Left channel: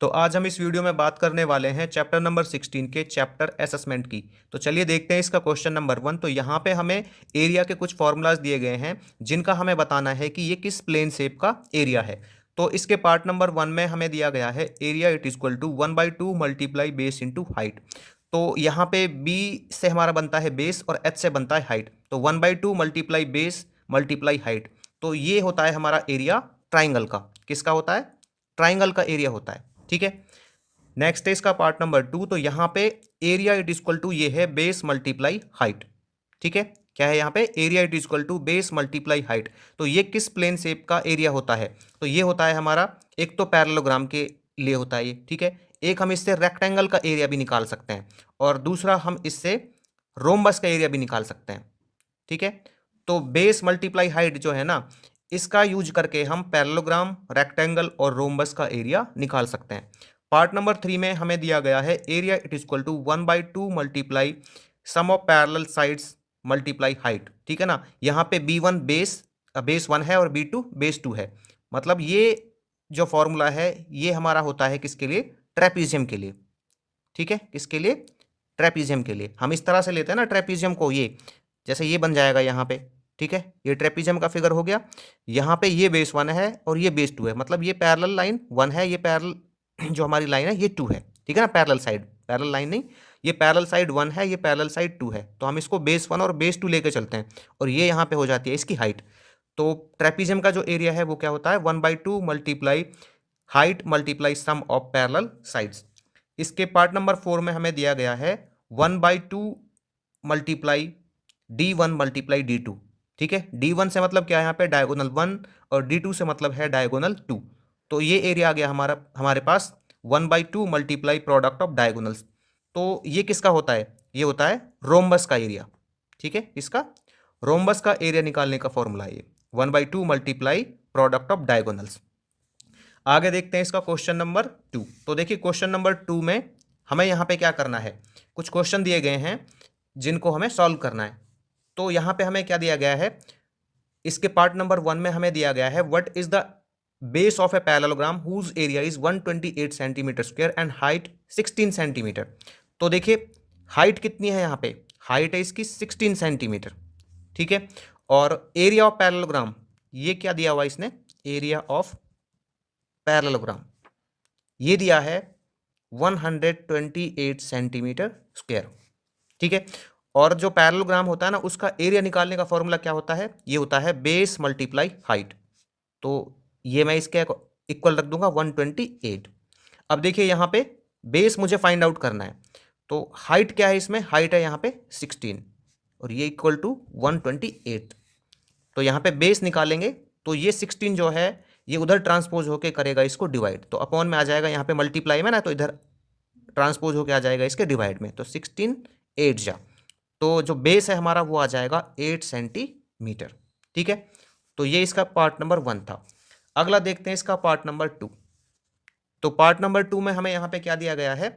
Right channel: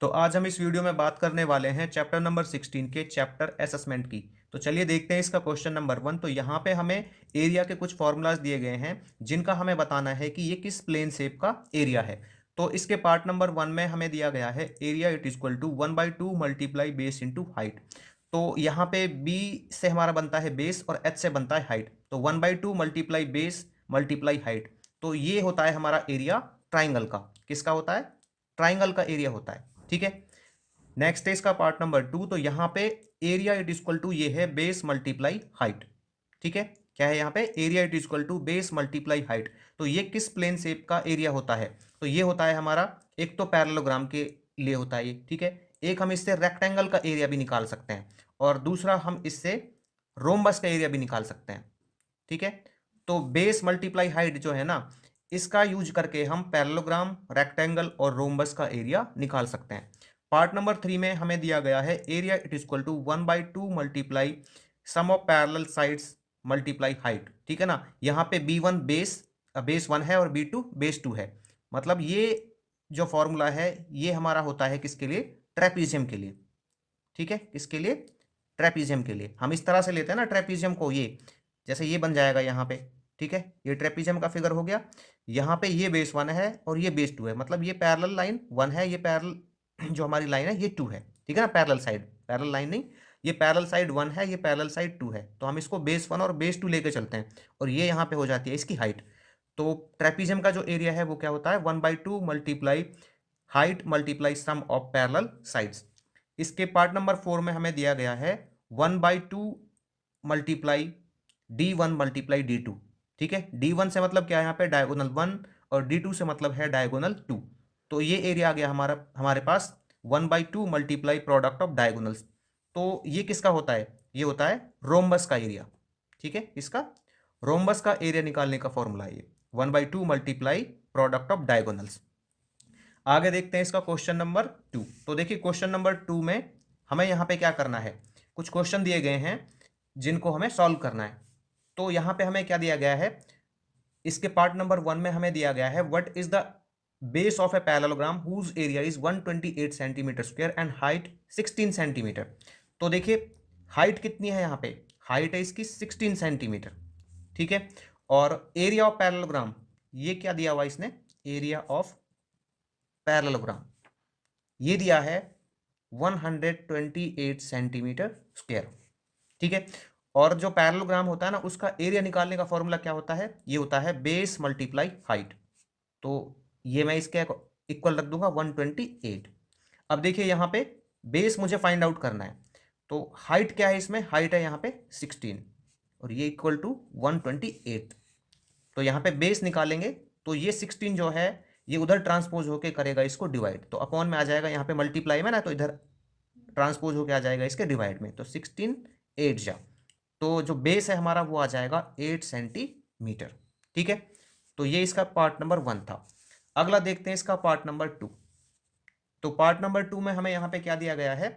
तो आज हम इस वीडियो में बात करने वाले हैं चैप्टर नंबर 16 के चैप्टर असेसमेंट की। तो चलिए देखते हैं इसका क्वेश्चन नंबर 1। तो यहाँ पे हमें एरिया के कुछ फॉर्मूलाज दिए गए हैं जिनका हमें बताना है कि ये किस प्लेन शेप का एरिया है। तो इसके पार्ट नंबर 1 में हमें दिया गया है area it is equal to 1/2 multiply base into height. तो यहाँ पे बी से हमारा बनता है बेस और एच से बनता है हाइट। तो 1/2 मल्टीप्लाई बेस मल्टीप्लाई हाइट, तो ये होता है हमारा एरिया ट्राइंगल का। किसका होता है? ट्राइंगल का एरिया होता है। ठीक है। नेक्स्ट है इसका पार्ट नंबर 2। तो यहाँ पे एरिया इट इक्वल टू ये है बेस मल्टीप्लाई हाइट। ठीक है। क्या है यहाँ पे? Area it equal to base multiply height. तो ये किस प्लेन शेप का एरिया होता है? तो ये होता है हमारा, एक तो पैरेललोग्राम के लिए होता है ये। ठीक है। एक हम इससे रेक्टेंगल का एरिया भी निकाल सकते हैं और दूसरा हम इससे रोम्बस का एरिया भी निकाल सकते हैं। ठीक है। तो बेस मल्टीप्लाई हाइट जो है ना, इसका यूज करके हम पैरेललोग्राम, रेक्टेंगल और रोम्बस का एरिया निकाल सकते हैं। पार्ट नंबर 3 में हमें दिया गया है area it is equal to 1/2 multiply sum of parallel sides multiply height. ठीक है ना। यहाँ पे B1 बेस 1 है और B2 बेस 2 है। मतलब ये जो फॉर्मूला है ये हमारा होता है किसके लिए? ट्रेपीजियम के लिए। ठीक है। किसके लिए? ट्रेपीजियम के लिए। हम इस तरह से लेते हैं ना ट्रेपीजियम को, ये जैसे ये बन जाएगा यहाँ पे। ठीक है। ये ट्रेपीजियम का फिगर हो गया। यहाँ पे ये बेस 1 है और ये बेस 2 है, मतलब ये पैरेलल लाइन 1 है, ये पैरेलल जो हमारी लाइन है ये 2 है। ठीक है ना। पैरेलल साइड, पैरेलल लाइन नहीं, ये पैरेलल साइड 1 है, ये पैरेलल साइड 2 है। तो हम इसको बेस 1 और बेस 2 लेके चलते हैं और ये यहाँ पे हो जाती है इसकी हाइट। तो ट्रेपीजियम का जो एरिया है वो क्या होता है? 1/2 multiply height multiply sum of parallel sides. इसके पार्ट नंबर 4 में हमें दिया गया है 1/2 मल्टीप्लाई D1 मल्टीप्लाई D2। ठीक है। D1 से मतलब क्या है यहाँ पे? डायगोनल 1 और D2 से मतलब है डायगोनल 2। तो ये एरिया आ गया हमारे पास 1/2 मल्टीप्लाई प्रोडक्ट ऑफ डायगोनल्स। तो ये किसका होता है? ये होता है रोम्बस का एरिया। ठीक है। इसका रोम्बस का एरिया निकालने का फॉर्मूला है ये 1/2 मल्टीप्लाई प्रोडक्ट ऑफ डायगोनल्स। आगे देखते हैं इसका क्वेश्चन नंबर 2। तो देखिए क्वेश्चन नंबर 2 में हमें यहाँ पे क्या करना है, कुछ क्वेश्चन दिए गए हैं जिनको हमें सॉल्व करना है। तो यहाँ पे हमें क्या दिया गया है? इसके पार्ट नंबर 1 में हमें दिया गया है what is the base of a parallelogram whose area is 128 centimetre square and height 16 centimetre. तो देखिए हाइट कितनी है यहाँ पे? हाइट है इसकी 16 सेंटीमीटर। ठीक है। और एरिया ऑफ पैरेललोग्राम ये क्या दिया हुआ इसने? एरिया ऑफ पैरेललोग्राम ये दिया है 128 सेंटीमीटर स्क्वायर। ठीक है। और जो पैरेललोग्राम होता है ना, उसका एरिया निकालने का फॉर्मूला क्या होता है? ये होता है बेस मल्टीप्लाई हाइट। तो ये मैं इसके इक्वल रख दूंगा 128। अब देखिए यहाँ पे बेस मुझे फाइंड आउट करना है, तो हाइट क्या है इसमें? हाइट है यहाँ पे 16 और ये इक्वल टू 128। तो यहाँ पे बेस निकालेंगे तो ये 16 जो है ये उधर ट्रांसपोज होके करेगा इसको डिवाइड, तो अपॉन में आ जाएगा, यहाँ पे मल्टीप्लाई में ना, तो इधर ट्रांसपोज होके आ जाएगा इसके डिवाइड में। तो 16 8 जा, तो जो बेस है हमारा वो आ जाएगा 8 सेंटीमीटर। ठीक है। तो ये इसका पार्ट नंबर 1 था। अगला देखते हैं इसका पार्ट नंबर 2। तो पार्ट नंबर 2 में हमें यहाँ पे क्या दिया गया है?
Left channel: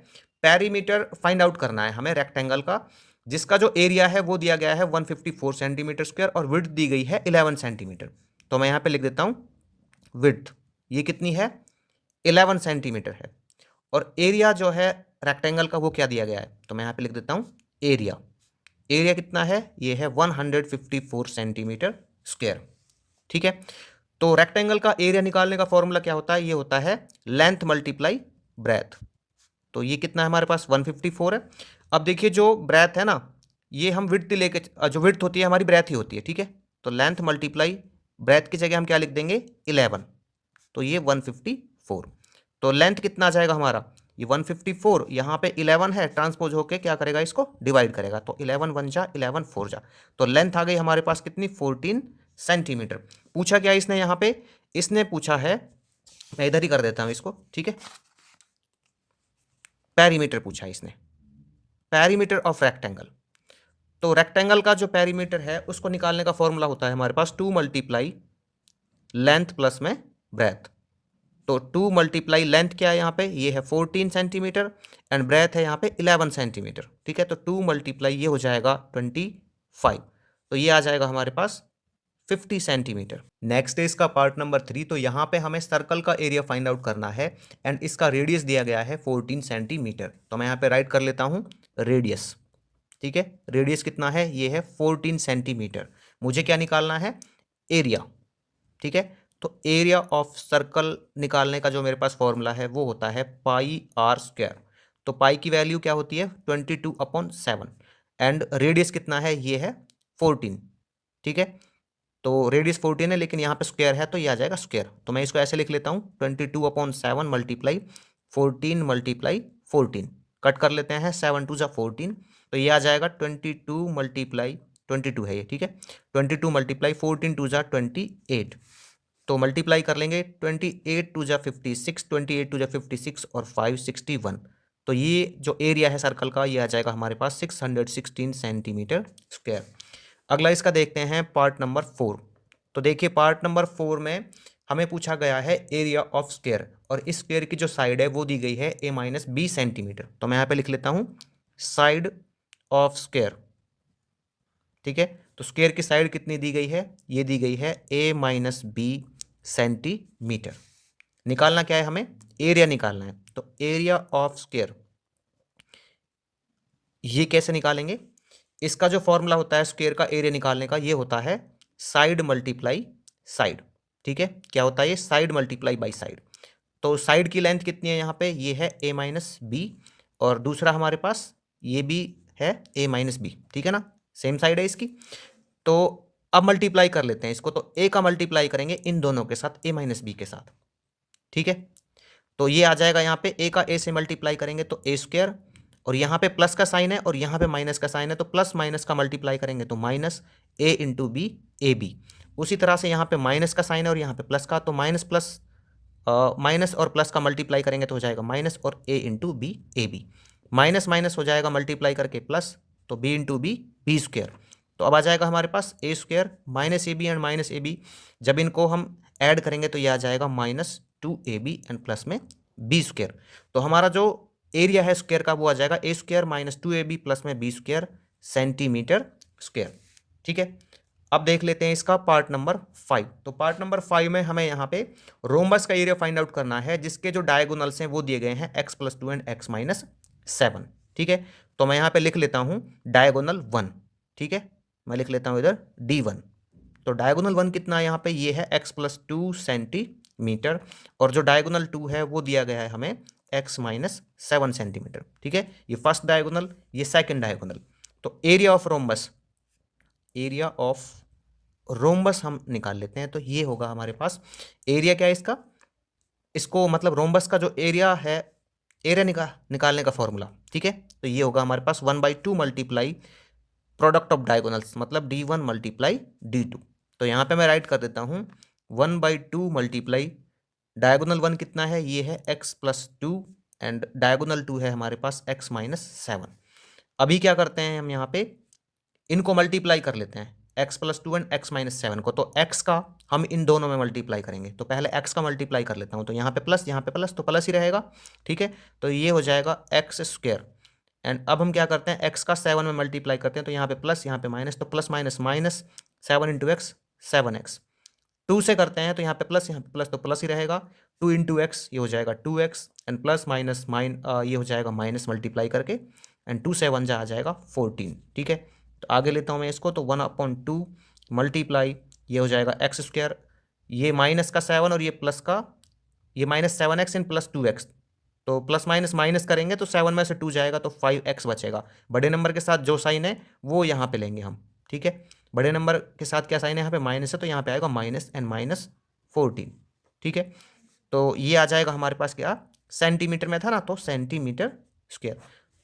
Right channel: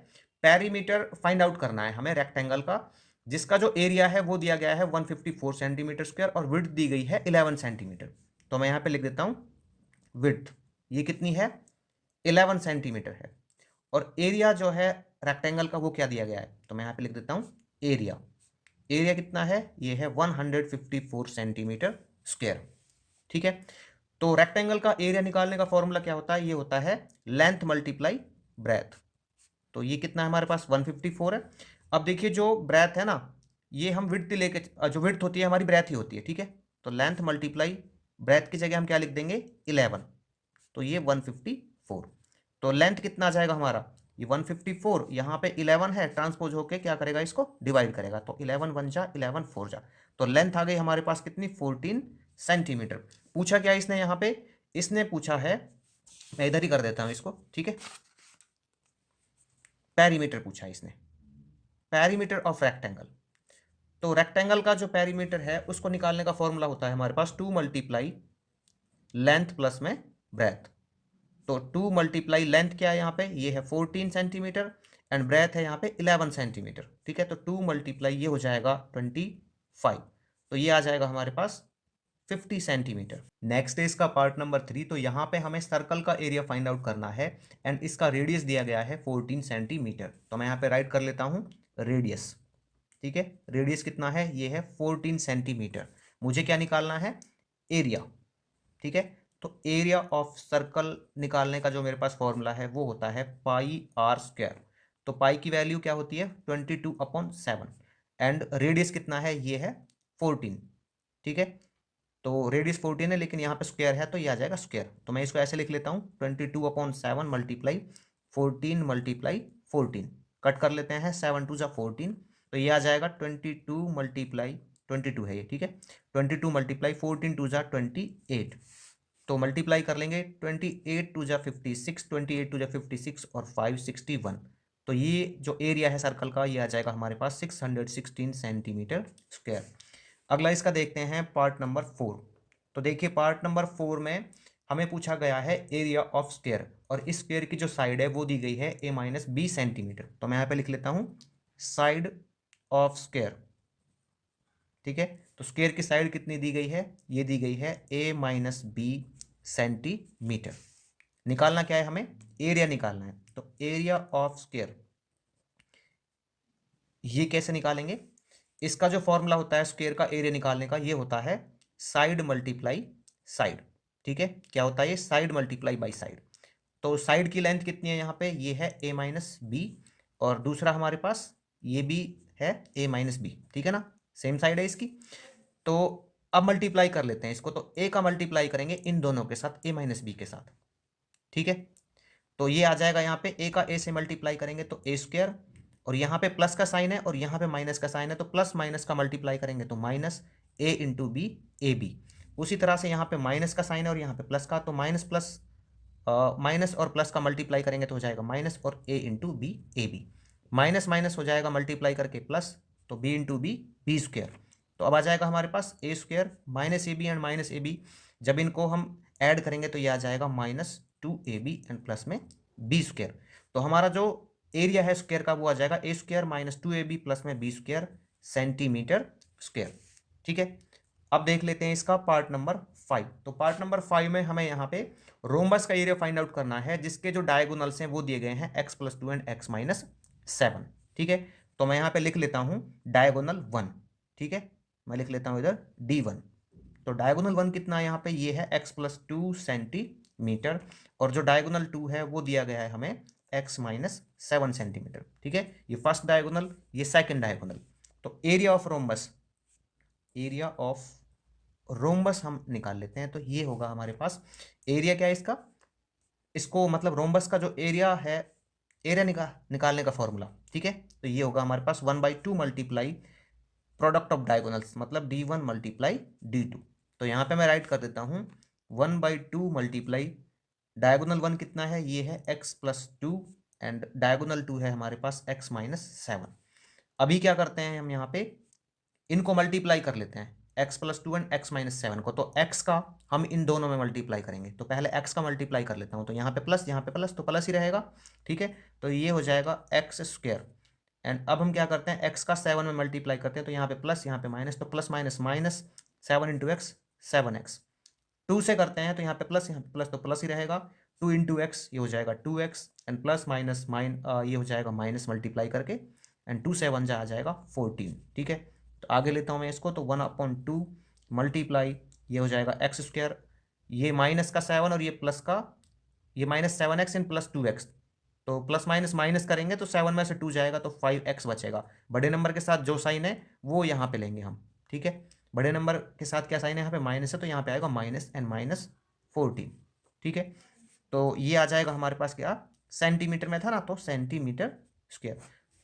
पेरीमीटर फाइंड आउट करना है हमें रेक्टेंगल का, जिसका जो एरिया है वो दिया गया है 154 सेंटीमीटर स्क्वायर और विड्थ दी गई है 11 सेंटीमीटर। तो मैं यहाँ पे लिख देता हूँ विड्थ ये कितनी है? 11 सेंटीमीटर है। और एरिया जो है रेक्टेंगल का वो क्या दिया गया है? तो मैं यहाँ पे लिख देता हूँ एरिया। एरिया कितना है? ये है 154 सेंटीमीटर स्क्वायर। ठीक है। तो रेक्टेंगल का एरिया निकालने का फॉर्मूला क्या होता है? ये होता है लेंथ मल्टीप्लाई ब्रेथ। तो ये कितना है हमारे पास? 154 है। अब देखिए जो ब्रेथ है ना, ये हम विड्थ लेके, जो विड्थ होती है हमारी ब्रेथ ही होती है। ठीक है। तो लेंथ मल्टीप्लाई ब्रेथ की जगह हम क्या लिख देंगे? 11। तो ये 154। तो लेंथ कितना आ जाएगा हमारा? ये 154, यहाँ पे 11 है, ट्रांसपोज होके क्या करेगा? इसको डिवाइड करेगा। तो 11 1 जा, 11 4 जा, तो लेंथ आ गई हमारे पास कितनी? 14 सेंटीमीटर। पूछा क्या इसने यहाँ पे? इसने पूछा है, मैं इधर ही कर देता हूँ इसको। ठीक है। पेरीमीटर पूछा है इसने, पेरीमीटर ऑफ रेक्टेंगल। तो रेक्टेंगल का जो पेरीमीटर है उसको निकालने का फॉर्मूला होता है हमारे पास 2 मल्टीप्लाई लेंथ प्लस में ब्रेथ। तो 2 मल्टीप्लाई लेंथ क्या है यहाँ पे? ये है 14 सेंटीमीटर एंड ब्रेथ है यहाँ पे 11 सेंटीमीटर। ठीक है। तो 2 मल्टीप्लाई ये हो जाएगा 25। तो ये आ जाएगा हमारे पास 50 सेंटीमीटर। नेक्स्ट है इसका पार्ट नंबर 3। तो यहाँ पे हमें सर्कल का एरिया फाइंड आउट करना है एंड इसका रेडियस दिया गया है 14 सेंटीमीटर। तो मैं यहाँ पे राइट कर लेता हूँ रेडियस। ठीक है, रेडियस कितना है, ये है 14 सेंटीमीटर। मुझे क्या निकालना है, एरिया। ठीक है, तो एरिया ऑफ सर्कल निकालने का जो मेरे पास फॉर्मूला है वो होता है पाई आर स्क्वायर। तो पाई की वैल्यू क्या होती है 22/7 एंड रेडियस कितना है, ये है 14। ठीक है, तो रेडियस 14 है लेकिन यहाँ पे स्क्वायर है तो ये आ जाएगा स्क्वायर। तो मैं इसको ऐसे लिख लेता हूँ 22/7 मल्टीप्लाई 14 मल्टीप्लाई 14। कट कर लेते हैं, 7 2 × 14, तो ये आ जाएगा 22 मल्टीप्लाई 22 है ये। ठीक है, 22 मल्टीप्लाई 14 2 × 28, तो मल्टीप्लाई कर लेंगे 28 2 × 56, 28 2 × 56 और 5 61। तो ये जो एरिया है सर्कल का ये आ जाएगा हमारे पास 616 सेंटीमीटर स्क्वायर। अगला इसका देखते हैं पार्ट नंबर 4। तो देखिए पार्ट नंबर 4 में हमें पूछा गया है एरिया ऑफ स्क्वायर और इस स्क्वायर की जो साइड है वो दी गई है a-b सेंटीमीटर। तो मैं यहाँ पे लिख लेता हूँ साइड ऑफ स्क्वायर। ठीक है, तो स्क्वायर की साइड कितनी दी गई है, ये दी गई है a-b सेंटीमीटर। निकालना क्या है, हमें एरिया निकालना है। तो एरिया ऑफ स्क्वायर ये कैसे निकालेंगे, इसका जो फॉर्मूला होता है स्क्वायर का एरिया निकालने का, ये होता है साइड मल्टीप्लाई साइड। ठीक है, क्या होता है ये, साइड मल्टीप्लाई बाई साइड। तो साइड की लेंथ कितनी है यहाँ पे, ये है a-b और दूसरा हमारे पास ये भी है a-b। ठीक है ना, सेम साइड है इसकी। तो अब मल्टीप्लाई कर लेते हैं इसको, तो a का मल्टीप्लाई करेंगे इन दोनों के साथ, a-b के साथ। ठीक है, तो ये आ जाएगा यहाँ पे a का a से मल्टीप्लाई करेंगे तो a स्क्वायर, और यहाँ पे प्लस का साइन है और यहाँ पे माइनस का साइन है, तो प्लस माइनस का मल्टीप्लाई करेंगे तो minus a into b a b. उसी तरह से यहाँ पे माइनस का साइन है और यहाँ पे प्लस का, तो माइनस प्लस माइनस और प्लस का मल्टीप्लाई करेंगे तो हो जाएगा माइनस और a into b a b. Minus minus हो जाएगा मल्टीप्लाई करके प्लस, तो b into b b square. तो अब आ जाएगा हमारे पास a square minus a b and minus a b, जब इनको हम ऐड करेंगे तो ये आ जाएगा -2ab एंड प्लस में बी स्क्वायर। तो हमारा जो एरिया है स्क्वायर का वो आ जाएगा a स्क्वायर -2ab प्लस में बी स्क्वायर सेंटीमीटर स्क्वायर। ठीक है, अब देख लेते हैं इसका पार्ट नंबर 5। तो पार्ट नंबर 5 में हमें यहाँ पे रोम्बस का एरिया फाइंड आउट करना है जिसके जो डायगोनल्स हैं वो दिए गए हैं x+2 एंड x-7। ठीक है, तो मैं यहाँ पे लिख लेता हूँ डायगोनल 1। ठीक है, मैं लिख लेता हूँ इधर D1। तो डायगोनल 1 कितना है यहाँ पे, ये है x+2 सेंटीमीटर और जो डायगोनल 2 है वो दिया गया है हमें x-7 सेंटीमीटर। ठीक है, ये फर्स्ट डायगोनल, ये सेकंड डायगोनल। तो area of rhombus, area of rhombus हम निकाल लेते हैं। तो ये होगा हमारे पास एरिया क्या है इसका, इसको मतलब रोम्बस का जो एरिया है, एरिया निकालने का फॉर्मूला। ठीक है, तो ये होगा हमारे पास 1/2 मल्टीप्लाई प्रोडक्ट ऑफ डायगोनल्स, मतलब D1 मल्टीप्लाई D2। तो यहाँ पे मैं राइट कर देता हूँ 1/2 मल्टीप्लाई डायगोनल 1 कितना है, ये है x+2 एंड डायगोनल 2 है हमारे पास x-7। अभी क्या करते हैं हम यहाँ पे, इनको मल्टीप्लाई कर लेते हैं x+2 एंड x-7 को। तो x का हम इन दोनों में मल्टीप्लाई करेंगे, तो पहले x का मल्टीप्लाई कर लेता हूँ। तो यहाँ पे प्लस, यहाँ पे प्लस, तो प्लस ही रहेगा। ठीक है, तो ये हो जाएगा x स्क्वायर एंड अब हम क्या करते हैं, x का 7 में मल्टीप्लाई करते हैं, तो यहाँ पे प्लस यहाँ पे माइनस, तो plus minus minus 7 into x 7x। 2 से करते हैं तो यहाँ पे प्लस तो प्लस ही रहेगा, 2 इंटू एक्स ये हो जाएगा 2x एंड प्लस माइनस ये हो जाएगा माइनस मल्टीप्लाई करके एंड 2 7 जा आ जाएगा 14। ठीक है, तो आगे लेता हूँ मैं इसको, तो 1/2 मल्टीप्लाई ये हो जाएगा एक्स स्क्वायर, ये माइनस का 7 और ये प्लस का, ये -7x एंड +2x। तो प्लस माइनस माइनस करेंगे तो 7 में से 2 जाएगा तो 5x बचेगा। बड़े नंबर के साथ जो साइन है वो यहाँ पे लेंगे हम। ठीक है, बड़े नंबर के साथ क्या साइन है, यहाँ पे माइनस है तो यहाँ पे आएगा माइनस एंड -14। ठीक है, तो ये आ जाएगा हमारे पास क्या, सेंटीमीटर में था ना, तो सेंटीमीटर स्क्वायर।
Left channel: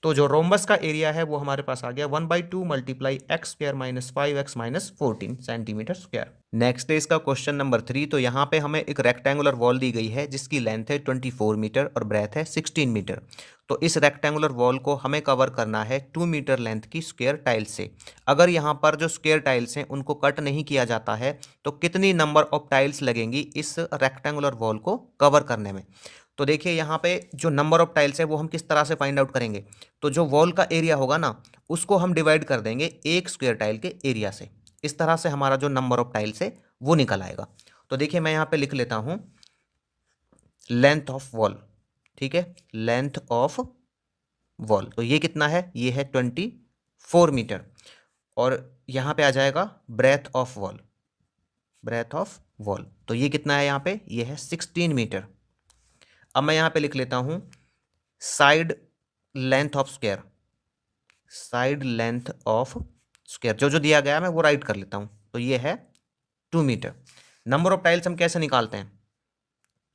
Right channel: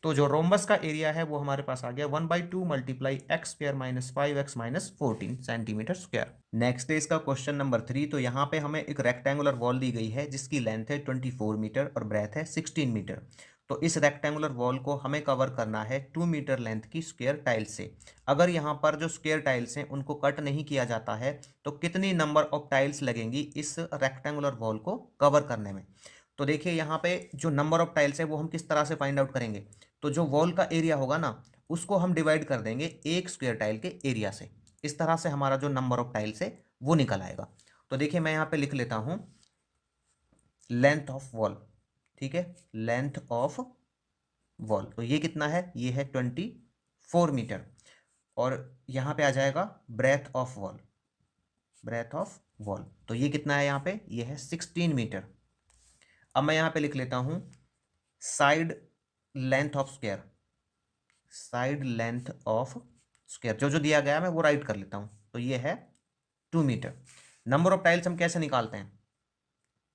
तो जो रोम्बस का एरिया है वो हमारे पास आ गया 1/2 multiply x square -5x-14 centimetre square. Next है इसका क्वेश्चन नंबर 3। तो यहाँ पे हमें एक रेक्टेंगुलर वॉल दी गई है जिसकी लेंथ है 24 मीटर और ब्रेथ है 16 मीटर। तो इस रेक्टेंगुलर वॉल को हमें कवर करना है 2 मीटर लेंथ की स्क्वायर टाइल्स से। अगर यहाँ पर जो स्क्वायर टाइल्स हैं उनको कट नहीं किया जाता है तो कितनी नंबर ऑफ टाइल्स लगेंगी इस रेक्टेंगुलर वॉल को कवर करने में। तो देखिए यहाँ पे जो नंबर ऑफ टाइल्स है वो हम किस तरह से फाइंड आउट करेंगे, तो जो वॉल का एरिया होगा ना उसको हम डिवाइड कर देंगे एक स्क्वायर टाइल के एरिया से। इस तरह से हमारा जो नंबर ऑफ टाइल्स है वो निकल आएगा। तो देखिए मैं यहाँ पे लिख लेता हूँ लेंथ ऑफ वॉल, ठीक है, लेंथ ऑफ वॉल, तो ये कितना है, ये है 24 मीटर। और यहाँ पे आ जाएगा breadth of wall, breadth of wall, तो ये कितना है यहाँ पे, ये है 16 मीटर। अब मैं यहाँ पे लिख लेता हूँ side length of square, side length of square, जो जो दिया गया है मैं वो राइट कर लेता हूँ, तो ये है 2 मीटर। नंबर ऑफ टाइल्स हम कैसे निकालते हैं,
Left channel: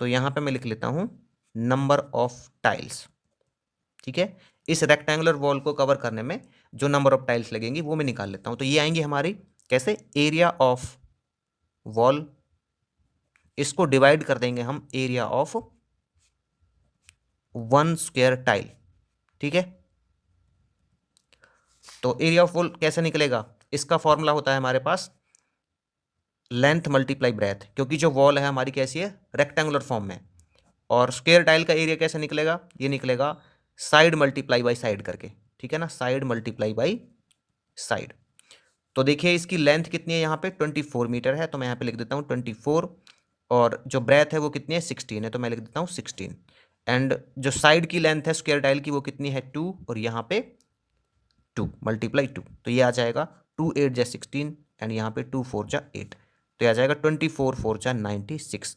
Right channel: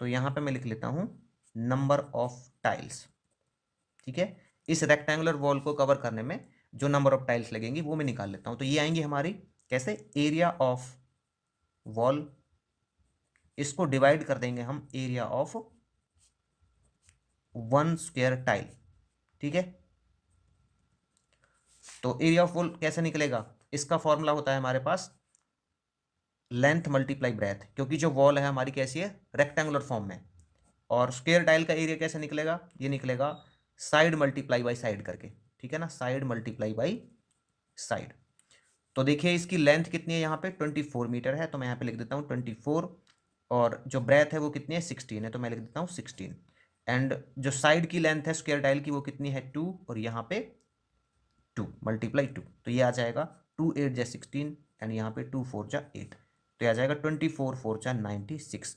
तो यहाँ पे मैं लिख लेता हूँ नंबर ऑफ टाइल्स, ठीक है, इस रेक्टेंगुलर वॉल को कवर करने में जो नंबर ऑफ टाइल्स लगेंगी वो मैं निकाल लेता हूँ। तो ये आएंगी हमारी कैसे, एरिया ऑफ वॉल, इसको डिवाइड कर देंगे हम एरिया ऑफ 1 स्क्वायर टाइल, ठीक है। तो एरिया ऑफ वॉल कैसे निकलेगा, इसका फॉर्मूला होता है हमारे पास लेंथ मल्टीप्लाई ब्रेथ, क्योंकि जो वॉल है हमारी कैसी है, रेक्टेंगुलर फॉर्म में। और स्क्वायर टाइल का एरिया कैसे निकलेगा, ये निकलेगा साइड मल्टीप्लाई बाई साइड करके, ठीक है ना, साइड मल्टीप्लाई बाई साइड। तो देखिए इसकी लेंथ कितनी है यहाँ पे 24 मीटर है, तो मैं यहाँ पे लिख देता हूँ 24, और जो ब्रेथ है वो कितनी है 16 है, तो मैं लिख देता हूँ 16। एंड जो साइड की लेंथ है स्क्वायर टाइल की वो कितनी है 2, और यहाँ पे 2 मल्टीप्लाई 2, तो ये आ जाएगा 2 8 जा 16, एंड यहाँ पे 2 4 जा 8, तो ये आ जाएगा 24 4 जा 96।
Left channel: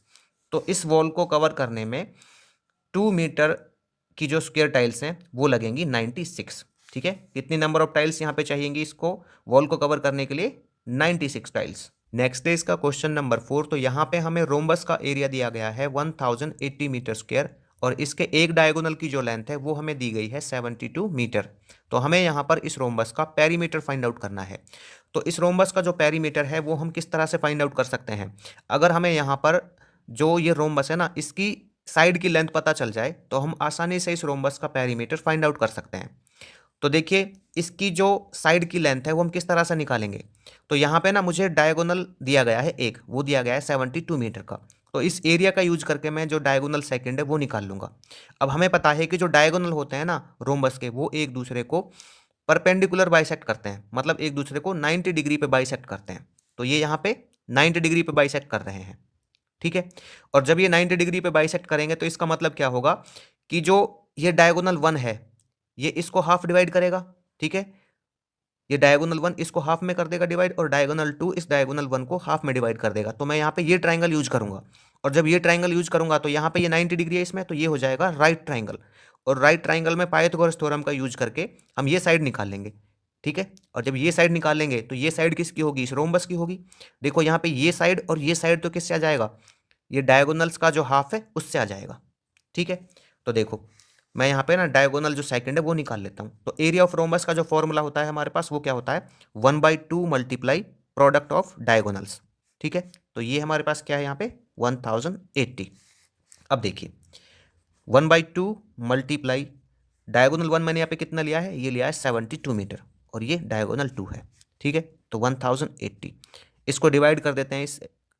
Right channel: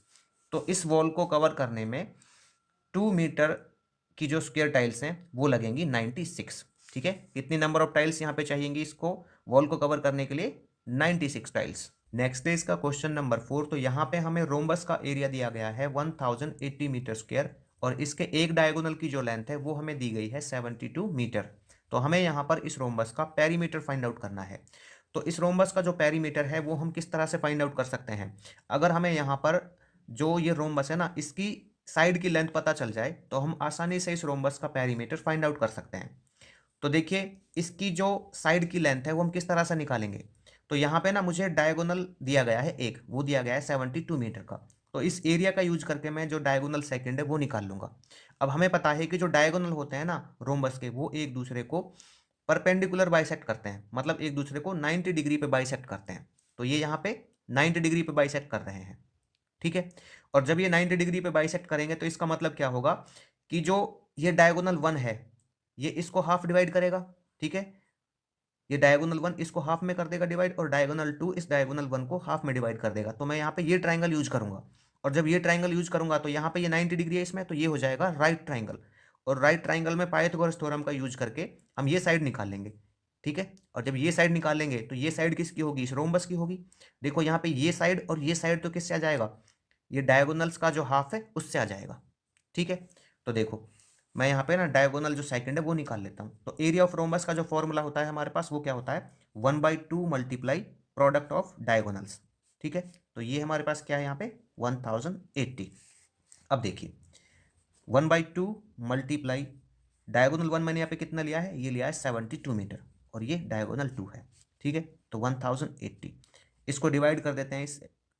तो इस वॉल को कवर करने में 2 मीटर की जो स्क्वायर टाइल्स हैं वो लगेंगी 96, ठीक है। कितनी नंबर ऑफ टाइल्स यहाँ पे चाहिएंगी इसको वॉल को कवर करने के लिए, 96 टाइल्स। नेक्स्ट है इसका क्वेश्चन नंबर 4। तो यहाँ पे हमें रोम्बस का एरिया दिया गया है 1080 मीटर स्क्वायर, और इसके एक डायगोनल की जो लेंथ है वो हमें दी गई है 72 मीटर। तो हमें यहाँ पर इस रोम्बस का पेरीमीटर फाइंड आउट करना है। तो इस रोम्बस का जो पेरीमीटर है वो हम किस तरह से फाइंड आउट कर सकते हैं, अगर हमें यहाँ पर जो ये रोम्बस है ना इसकी साइड की लेंथ पता चल जाए तो हम आसानी से इस रोम्बस का पेरीमीटर फाइंड आउट कर सकते हैं। तो देखिए इसकी जो साइड की लेंथ है वो हम किस तरह से निकालेंगे, तो यहाँ पे ना मुझे डायगोनल दिया गया है एक, वो दिया गया है 72 मीटर का, तो इस एरिया का यूज करके मैं जो डायगोनल सेकंड है वो निकाल लूंगा। अब हमें पता है कि जो डायगोनल होते हैं ना रोम्बस के वो एक दूसरे को परपेंडिकुलर बाइसेक्ट करते हैं, मतलब एक दूसरे को 90 डिग्री पे बाइसेक्ट करते हैं। तो ये यहाँ पे 90 डिग्री पे बाइसेक्ट कर रहे हैं, ठीक है। और जब ये 90 डिग्री पे बाइसेक्ट करेंगे तो इसका मतलब क्या होगा कि जो ये डायगोनल 1 है ये इसको हाफ डिवाइड करेगा, ठीक है, ये डायगोनल 1 इसको हाफ में कर देगा डिवाइड, और डायगोनल 2 इस डायगोनल 1 को हाफ में डिवाइड कर देगा। तो मैं यहाँ पे ये ट्राइंगल यूज करूंगा, और जब ये ट्राइंगल यूज करूंगा तो यहाँ पे ये 90 डिग्री है इसमें, तो ये हो जाएगा राइट ट्राइंगल। और राइट ट्राइंगल में पाइथागोरस थ्योरम का यूज करके हम ये साइड निकाल लेंगे, ठीक है। और जब ये साइड निकालेंगे तो ये साइड किसकी होगी, इस रोम्बस की होगी। देखो यहाँ पे ये साइड और ये साइड तो किससे आ जाएगा, ये डायगोनल्स का जो हाफ है उससे आ जाएगा, ठीक है। तो देखो मैं यहाँ पे ना डायगोनल जो सेकंड है वो निकाल लेता हूँ। तो एरिया ऑफ रोम्बस का जो फॉर्मूला होता है हमारे पास वो क्या होता है, 1/2 मल्टीप्लाई प्रोडक्ट ऑफ डायगोनल्स, ठीक है। तो ये हमारे पास क्या है यहाँ पे 1080। अब देखिए 1/2 मल्टीप्लाई डायगोनल 1 मैंने यहाँ पे कितना लिया है, ये लिया है 72 मीटर, और ये डायगोनल 2 है, ठीक है। तो 1080 इसको डिवाइड कर देते हैं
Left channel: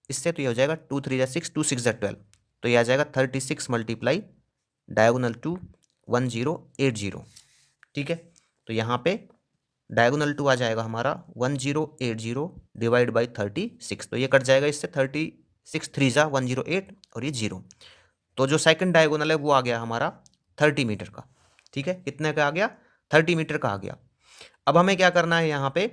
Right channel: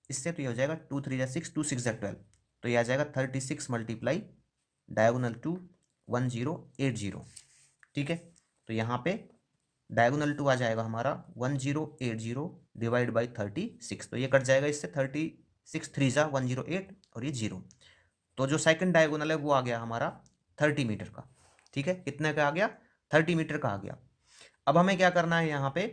इससे, तो ये हो जाएगा 2 3 जा 6, 2 6 जा 12, तो ये आ जाएगा 36 मल्टीप्लाई डायगोनल 2 1080, ठीक है। तो यहाँ पे डायगोनल 2 आ जाएगा हमारा 1080 डिवाइड बाई 36, तो ये कट जाएगा इससे, 36 3 जा 108, और ये 0। तो जो सेकंड डायगोनल है वो आ गया हमारा 30 मीटर का, ठीक है। कितने का आ गया, 30 मीटर का आ गया। अब हमें क्या करना है, यहाँ पे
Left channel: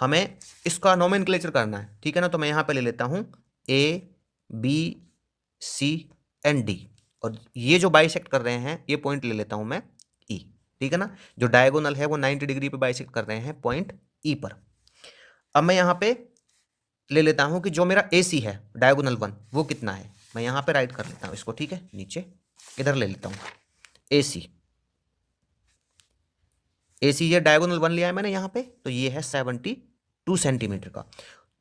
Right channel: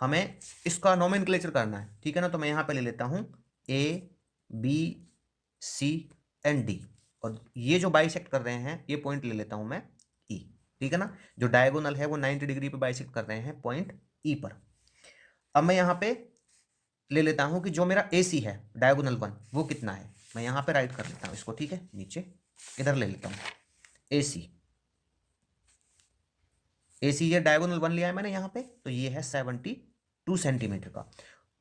हमें इसका नोमेनक्लेचर करना है, ठीक है ना। तो मैं यहाँ पे ले लेता हूँ A B C and D, और ये जो बाइसेक्ट कर रहे हैं ये पॉइंट ले लेता हूँ मैं ई, ठीक है ना। जो डायगोनल है वो 90 डिग्री पे बाइसेक्ट कर रहे हैं पॉइंट ई पर। अब मैं यहाँ पे ले लेता हूँ कि जो मेरा ए सी है डायगोनल 1 वो कितना है, मैं यहाँ पे राइट कर लेता हूँ इसको, ठीक है, नीचे इधर ले लेता हूँ ए सी, ए सी ये डायगोनल 1 लिया है मैंने यहाँ पे, तो ये है 72 सेंटीमीटर का।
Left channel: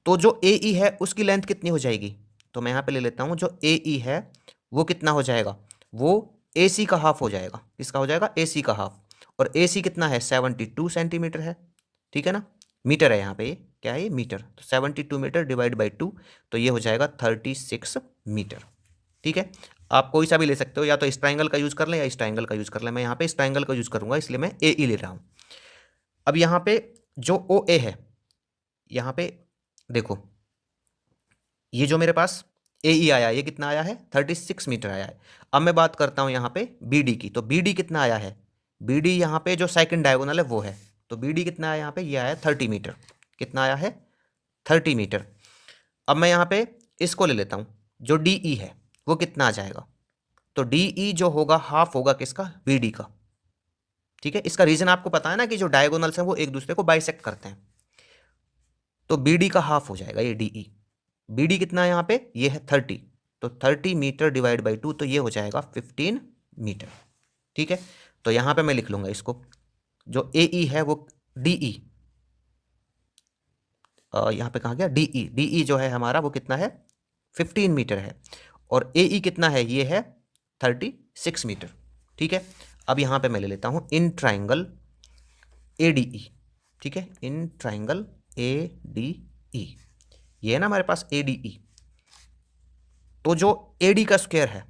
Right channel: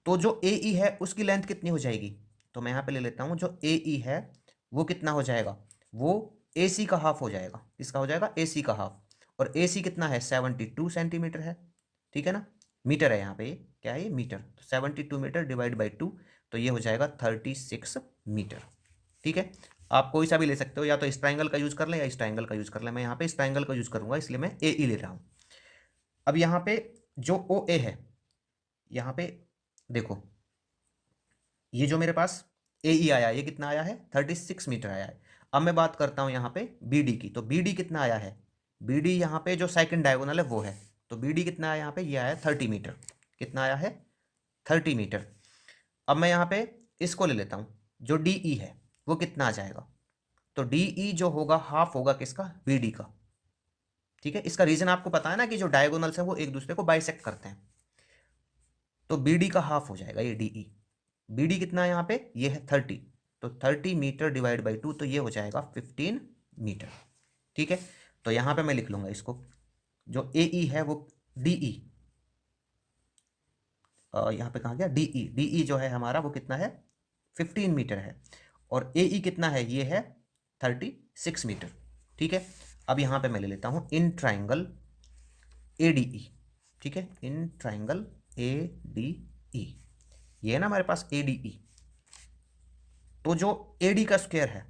तो जो ए ई है उसकी लेंथ कितनी हो जाएगी, तो मैं यहाँ पे ले लेता हूँ जो ए ई है वो कितना हो जाएगा, वो ए सी का हाफ हो जाएगा, किसका हो जाएगा, ए सी का हाफ। और ए सी कितना है 72 सेंटीमीटर है, ठीक है ना, मीटर है यहाँ पे, ये क्या है, ये मीटर, तो 72 मीटर डिवाइड बाई 2, तो ये हो जाएगा 36 मीटर, ठीक है। आप कोई सा भी ले सकते हो, या तो इस ट्राइंगल का यूज कर लें या इस ट्राइंगल का यूज कर लें, मैं यहाँ पे इस ट्राइंगल का यूज करूंगा इसलिए मैं ए ई ले रहा हूँ। अब यहाँ पे जो ओ ए है यहाँ पे देखो, ये जो मेरे पास ए ई आया, ये कितना आया है, 36 मीटर आया है। अब मैं बात करता हूँ यहाँ पे बी डी की, तो बी डी कितना आया है, बी डी यहाँ पे जो सेकंड डायगोनल है वो है, तो बी डी कितना आया यहाँ पे, ये आया 30 मीटर। कितना आया है, 30 मीटर। अब मैं यहाँ पे इसको ले लेता हूँ, जो डी ई है वो कितना आ जाएगा, तो डी ई जो होगा हाफ होगा किसका, बी डी का। ठीक है, इसका रीजन आपको पता है ना कि जो डायगोनल्स हैं वो एक दूसरे को बाइसेक्ट करते हैं, तो बी डी का हाफ हो जाएगा ये डी ई। बी डी कितना है यहाँ पे, ये है 30, तो 30 मीटर डिवाइड बाई 2, तो ये हो जाएगा 15 मीटर। ठीक है, तो यहाँ पे मैं लिख लूँगा इसको, जो ए ई है वो डी ई, यहाँ पे कहाँ गया, डी ई, डी ई जो है हमारा वो कितना है, 15 मीटर है, और ए ई कितना है, ये है 36 मीटर। ठीक है, अब यहाँ पे मैं ले लेता हूँ in triangle A D E. ठीक है, in triangle A D E, ये है ना हमारे पास ए डी ई, तो जो ए डी का स्क्वायर है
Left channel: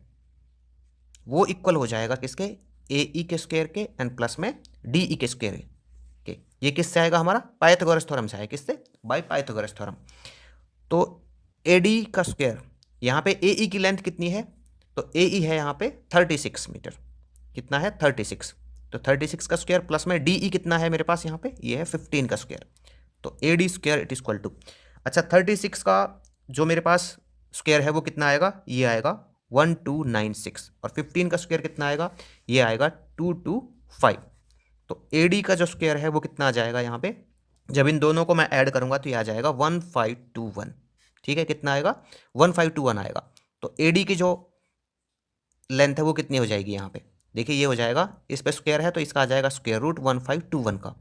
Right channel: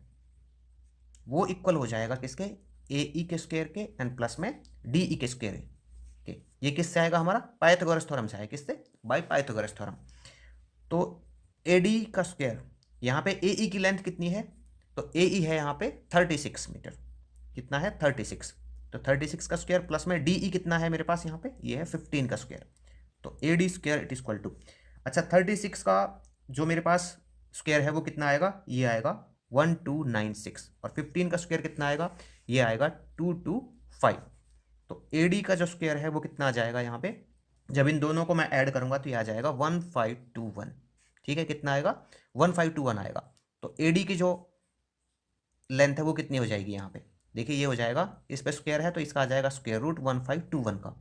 वो इक्वल हो जाएगा किसके, ए ई के स्क्वायर के एंड प्लस में डी ई के स्क्वायर के। ये किससे आएगा, हमारा पाइथागोरस थ्योरम से आएगा, किससे, बाय पाइथागोरस थ्योरम। तो ए डी का स्क्वायर, यहाँ पे ए ई की लेंथ कितनी है, तो ए ई है यहाँ पे 36 मीटर, कितना है 36, तो 36 का स्क्वायर प्लस में डी ई कितना है मेरे पास यहाँ पे, ये है 15 का स्क्वायर, तो A D square it is equal to, अच्छा 36 का जो मेरे पास स्क्वायर है वो कितना आएगा, ये आएगा 1296, और 15 का स्क्वायर कितना आएगा, ये आएगा 225। तो ए डी का जो स्क्वायर है वो कितना आ जाएगा यहाँ पे, जब इन दोनों को मैं ऐड करूंगा तो ये आ जाएगा 1521। ठीक है, कितना आएगा, 1521 आएगा। तो ए डी की जो लेंथ है वो कितनी हो जाएगी यहाँ पे, देखिए ये हो जाएगा, इस पे स्क्वायर है तो इसका आ जाएगा स्क्वायर रूट 1521 का,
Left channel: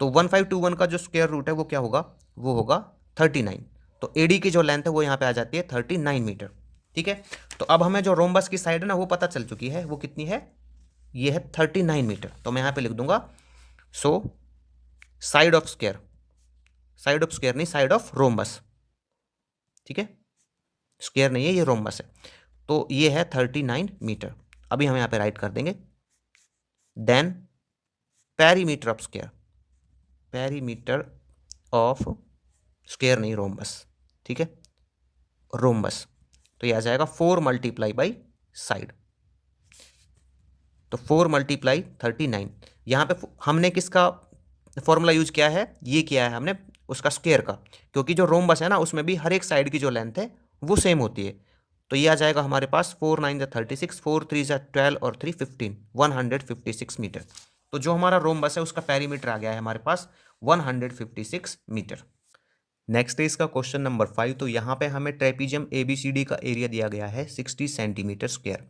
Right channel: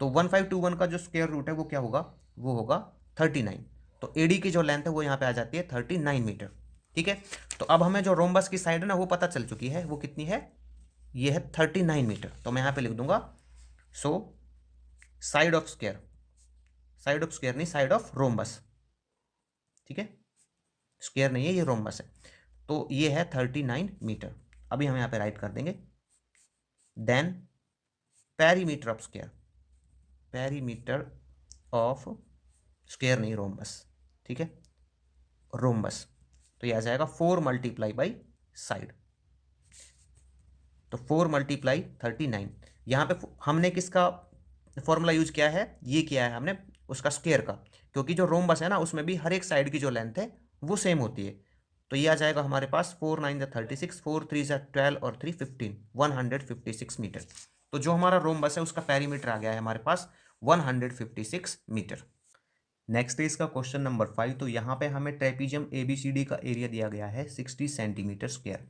तो 1521 का जो स्क्वायर रूट है वो क्या होगा, वो होगा 39। तो एडी की जो लेंथ है वो यहाँ पे आ जाती है 39 मीटर। ठीक है, तो अब हमें जो रोम्बस की साइड है ना वो पता चल चुकी है, वो कितनी है, ये है 39 मीटर। तो मैं यहाँ पे लिख दूंगा, so side of square, side of square नहीं, साइड ऑफ रोम्बस। ठीक है, स्क्वायर नहीं है, ये रोम्बस है, तो ये है 39 मीटर। अभी हम यहाँ पे राइट कर देंगे, then perimeter of square, perimeter of square नहीं, रोम्बस। ठीक है, रोम्बस, तो ये आ जाएगा 4 मल्टीप्लाई बाई साइड, तो 4 मल्टीप्लाई 39। यहाँ पे हमने किसका फॉर्मूला यूज किया है, ये किया है हमने उसका स्क्वायर का, क्योंकि जो रोम्बस है ना उसमें भी हर एक साइड की जो लेंथ है वो सेम होती है। तो ये आ जाएगा हमारे पास 4 9 जा 36, 4 3 जा 12 और 3 15, 156 मीटर। तो जो हमारा रोम्बस है उसका पेरीमीटर आ गया है हमारे पास 156 मीटर। नेक्स्ट है इसका क्वेश्चन नंबर 5। तो यहाँ पे हमें ट्रेपीजियम ABCD का एरिया दिया गया है 60 सेंटीमीटर स्क्वायर,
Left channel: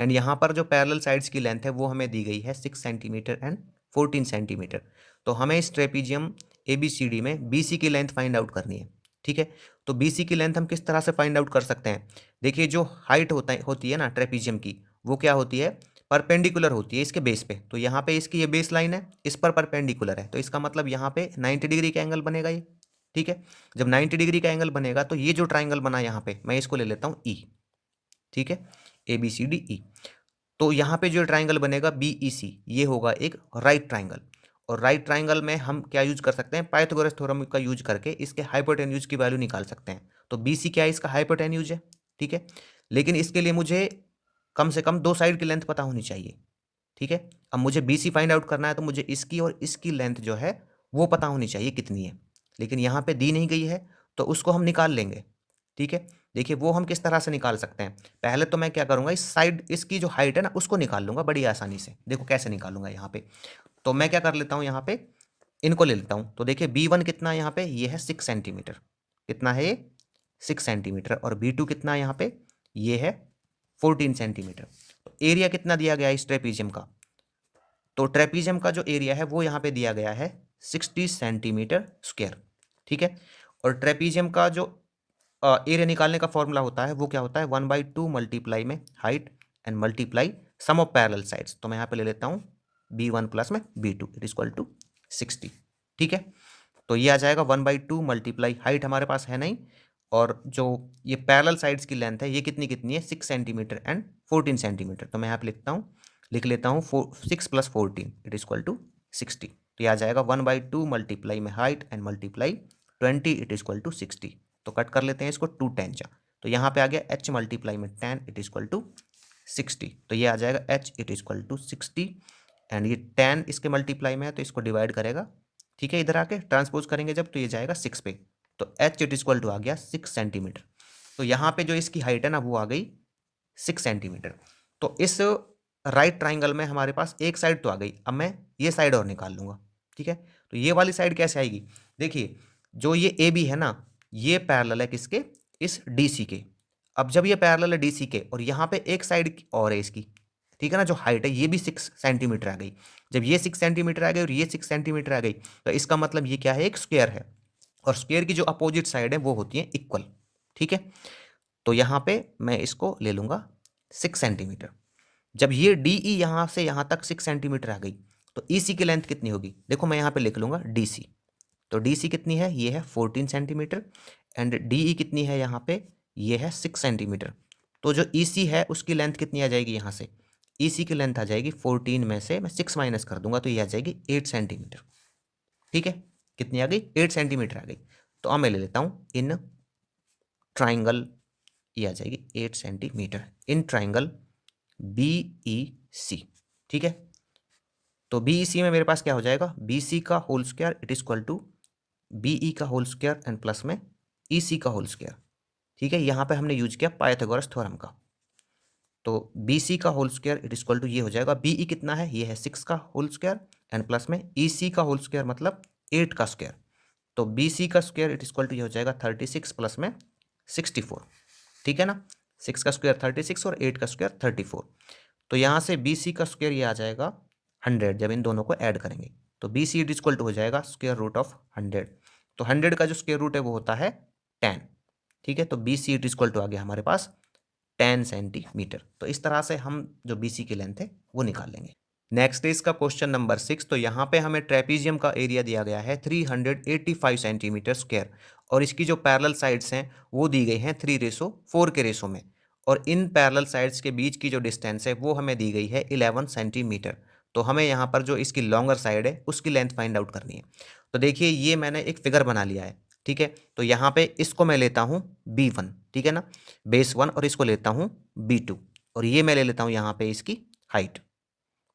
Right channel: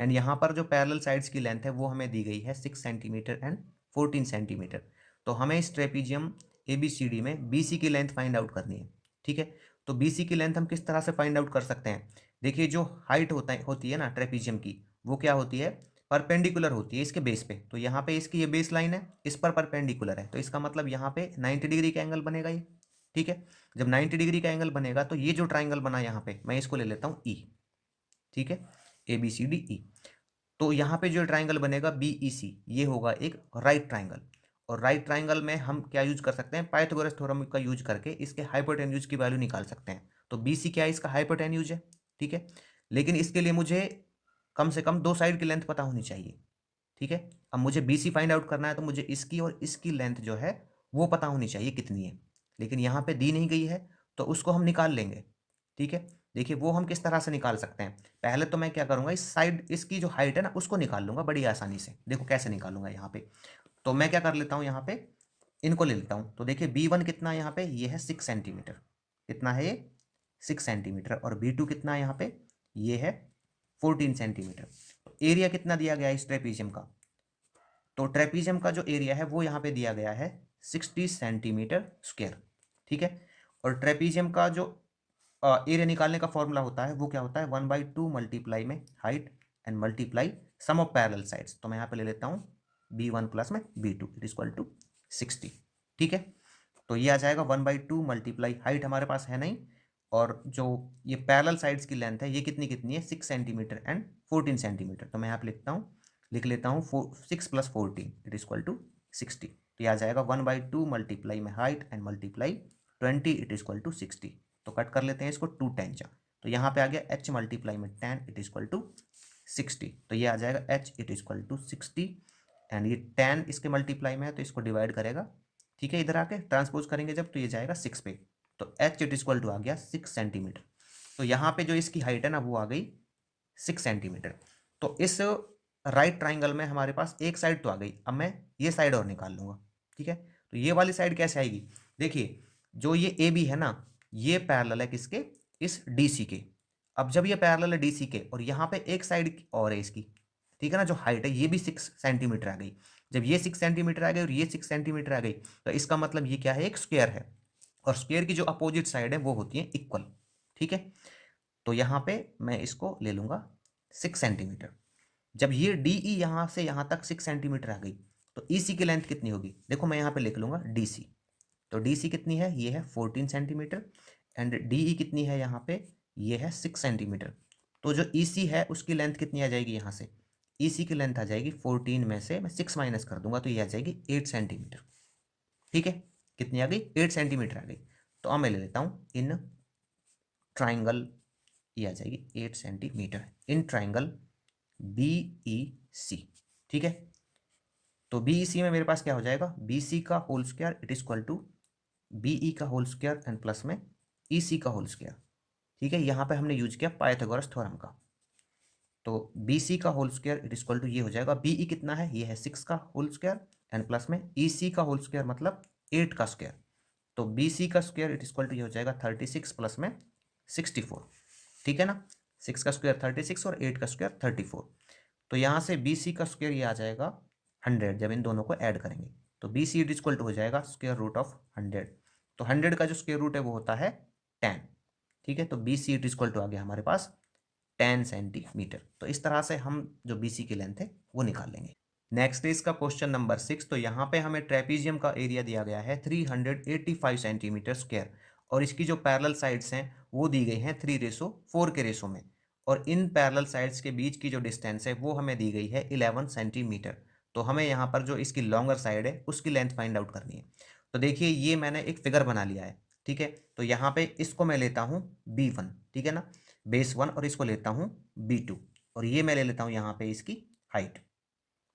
एंड यहाँ पर जो पैरेलल साइड्स की लेंथ है वो हमें दी गई है 6 सेंटीमीटर एंड 14 सेंटीमीटर। तो हमें इस ट्रेपीजियम ABCD में BC की लेंथ फाइंड आउट करनी है। ठीक है, तो BC की लेंथ हम किस तरह से फाइंड आउट कर सकते हैं, देखिए जो हाइट होती है ना ट्रेपीजियम की, वो क्या होती है, परपेंडिकुलर होती है इसके बेस पे। तो यहाँ पे इसकी ये बेस लाइन है, इस पर परपेंडिकुलर है, तो इसका मतलब यहाँ पे 90 डिग्री का एंगल बनेगा ये। ठीक है, जब 90 डिग्री का एंगल बनेगा तो ये जो ट्राइंगल बना यहाँ पे, मैं इसको ले लेता हूँ ई। ठीक है, ABCDE, तो यहाँ पे जो ट्राइंगल बनेगा BEC, ये होगा एक राइट ट्राइंगल। और राइट ट्राइंगल में हम क्या यूज कर सकते हैं, पाइथागोरस थ्योरम का यूज करके इसके हाइपोटेन्यूज की वैल्यू निकाल सकते हैं। तो BC क्या है, इसका हाइपोटेन्यूज है। ठीक है, लेकिन इसके लिए मुझे कम से कम 2 साइड की लेंथ पता होनी चाहिए। ठीक है, अब मुझे BC फाइंड आउट करना है तो मुझे इसकी और इसकी लेंथ जो है वो पता होनी चाहिए कितनी है, लेकिन यहाँ पे दी नहीं गई है, तो उसको हम निकाल लेंगे। ठीक है, देखिए वो हम किस तरह से निकाल सकते हैं, पहले तो मैं क्या करूँगा, इस साइड इसकी जो हाइट है ना उसको निकाल लूँगा बड़ी आसानी से। देखो कैसे निकालूंगा यहाँ पे, तो मैं क्या कर लेता हूँ, यहाँ पे इनको ले लेता हूँ। तो देखिए B1 कितना है यहाँ पे, ये है 6 सेंटीमीटर, कितना है ये 6 सेंटीमीटर, और B2 कितना है यहाँ पे, ये है 14 सेंटीमीटर। तो एरिया कितना दिया गया है इस ट्रेपीजियम का, तो ट्रेपीजियम का जो एरिया है वो यहाँ पे दिया गया है 60 सेंटीमीटर स्क्वायर। ठीक है, और ट्रेपीजियम का जो एरिया निकालने का फॉर्मूला होता है वो क्या होता है, 1/2 मल्टीप्लाई में height and multiply sum of parallel sides. तो मैं यहाँ पे ले लेता हूँ B1 प्लस में B2 इट इक्वल टू 60। ठीक है, तो ये आ जाएगा 1/2 मल्टीप्लाई हाइट हमारे पास है नहीं, और जो ये पैरेलल साइड्स की लेंथ है ये कितनी कितनी है, 6 सेंटीमीटर एंड 14 सेंटीमीटर। तो मैं यहाँ पे लिख लेता हूँ 6 + 14 इट इक्वल टू 60। तो ये आ जाएगा 1/2 मल्टीप्लाई में height and multiply 20 it is equal to 60। तो कट कर लेते हैं इसको, 2 10 जा, तो यहाँ पे आ गया h मल्टीप्लाई में 10 इट इज इक्वल टू 60। तो ये आ जाएगा h it is equal to 60 and ये 10 इसके मल्टीप्लाई में है तो इसको डिवाइड करेगा, ठीक है, इधर आके ट्रांसपोज करेंगे जब तो ये जाएगा 6 पे, तो h it is equal to आ गया 6 सेंटीमीटर। तो यहाँ पे जो इसकी हाइट है ना वो आ गई 6 सेंटीमीटर। तो इस राइट ट्राइंगल में हमारे पास एक साइड तो आ गई, अब मैं ये साइड और निकाल लूँगा, ठीक है। तो ये वाली साइड कैसे आएगी, देखिए जो ये ए बी है ना ये पैरेलल है किसके, इस डी सी के। अब जब ये पैरेलल है डी सी के और यहाँ पे एक साइड और है इसकी, ठीक है ना, जो हाइट है ये भी 6 सेंटीमीटर आ गई। जब ये 6 सेंटीमीटर आ गई और ये 6 सेंटीमीटर आ गई तो इसका मतलब ये क्या है, एक स्क्वायर है, और स्क्वायर की जो अपोजिट साइड है वो होती है इक्वल, ठीक है। तो यहाँ पे मैं इसको ले लूँगा 6 सेंटीमीटर। जब ये डी ई यहाँ से यहाँ तक 6 सेंटीमीटर आ गई तो ई सी की लेंथ कितनी होगी, देखो मैं यहाँ पे लिख लूँगा डी सी। तो डी सी कितनी है, ये है 14 सेंटीमीटर एंड डी ई कितनी है यहाँ पे, ये है 6 सेंटीमीटर। तो जो ई सी है उसकी लेंथ कितनी आ जाएगी, यहाँ से ई सी की लेंथ आ जाएगी 14 में से मैं 6 माइनस कर दूंगा तो ये आ जाएगी 8 सेंटीमीटर, ठीक है। कितनी आ गई, 8 सेंटीमीटर आ गई। तो अब मैं ले लेता हूँ इन ट्राइंगल, ये आ जाएगी 8 centimetre in triangle B E C, ठीक है। तो बी ई सी में मेरे पास क्या हो जाएगा, बी सी का whole square it is equal to B E का होल स्क्वायर एंड प्लस में ई सी का होल स्क्वायर, ठीक है। यहाँ पे हमने यूज किया पाइथागोरस थ्योरम का। तो बी सी का whole square it is equal to ये हो जाएगा, बी ई कितना है, ये है 6 का होल स्क्वायर एंड प्लस में ई सी का होल स्क्वायर मतलब 8 का स्क्वायर। तो बी सी का square it is equal to ये हो जाएगा 36 प्लस में 64, ठीक है ना। 6 का स्क्वायर 36 और 8 का स्क्वायर 34। तो यहाँ से बी सी का स्क्वायर ये आ जाएगा 100 जब इन दोनों को ऐड करेंगे। तो B C it is equal to हो जाएगा स्क्वायर रूट ऑफ 100। तो 100 का जो स्क्वायर रूट है वो होता है 10, ठीक है। तो B C it is equal to आ गया हमारे पास 10 सेंटीमीटर। तो इस तरह से हम जो बी सी की लेंथ है वो निकाल लेंगे। नेक्स्ट इज का क्वेश्चन नंबर 6। तो यहाँ पे हमें ट्रेपीजियम का एरिया दिया गया है 385 सेंटीमीटर स्क्वायर और इसकी जो पैरेलल साइड्स हैं वो दी गई हैं 3:4 के रेशो में, और इन पैरेलल साइड्स के बीच की जो डिस्टेंस है वो हमें दी गई है 11 सेंटीमीटर। तो हमें यहाँ पर जो इसकी लॉन्गर साइड है उसकी लेंथ फाइंड आउट करनी है। तो देखिए ये मैंने एक फिगर बना लिया है, ठीक है। तो यहाँ पे इसको मैं लेता हूँ B1, ठीक है ना, बेस 1, और इसको लेता हूँ B2, और ये मैं ले लेता हूँ यहाँ पे इसकी हाइट।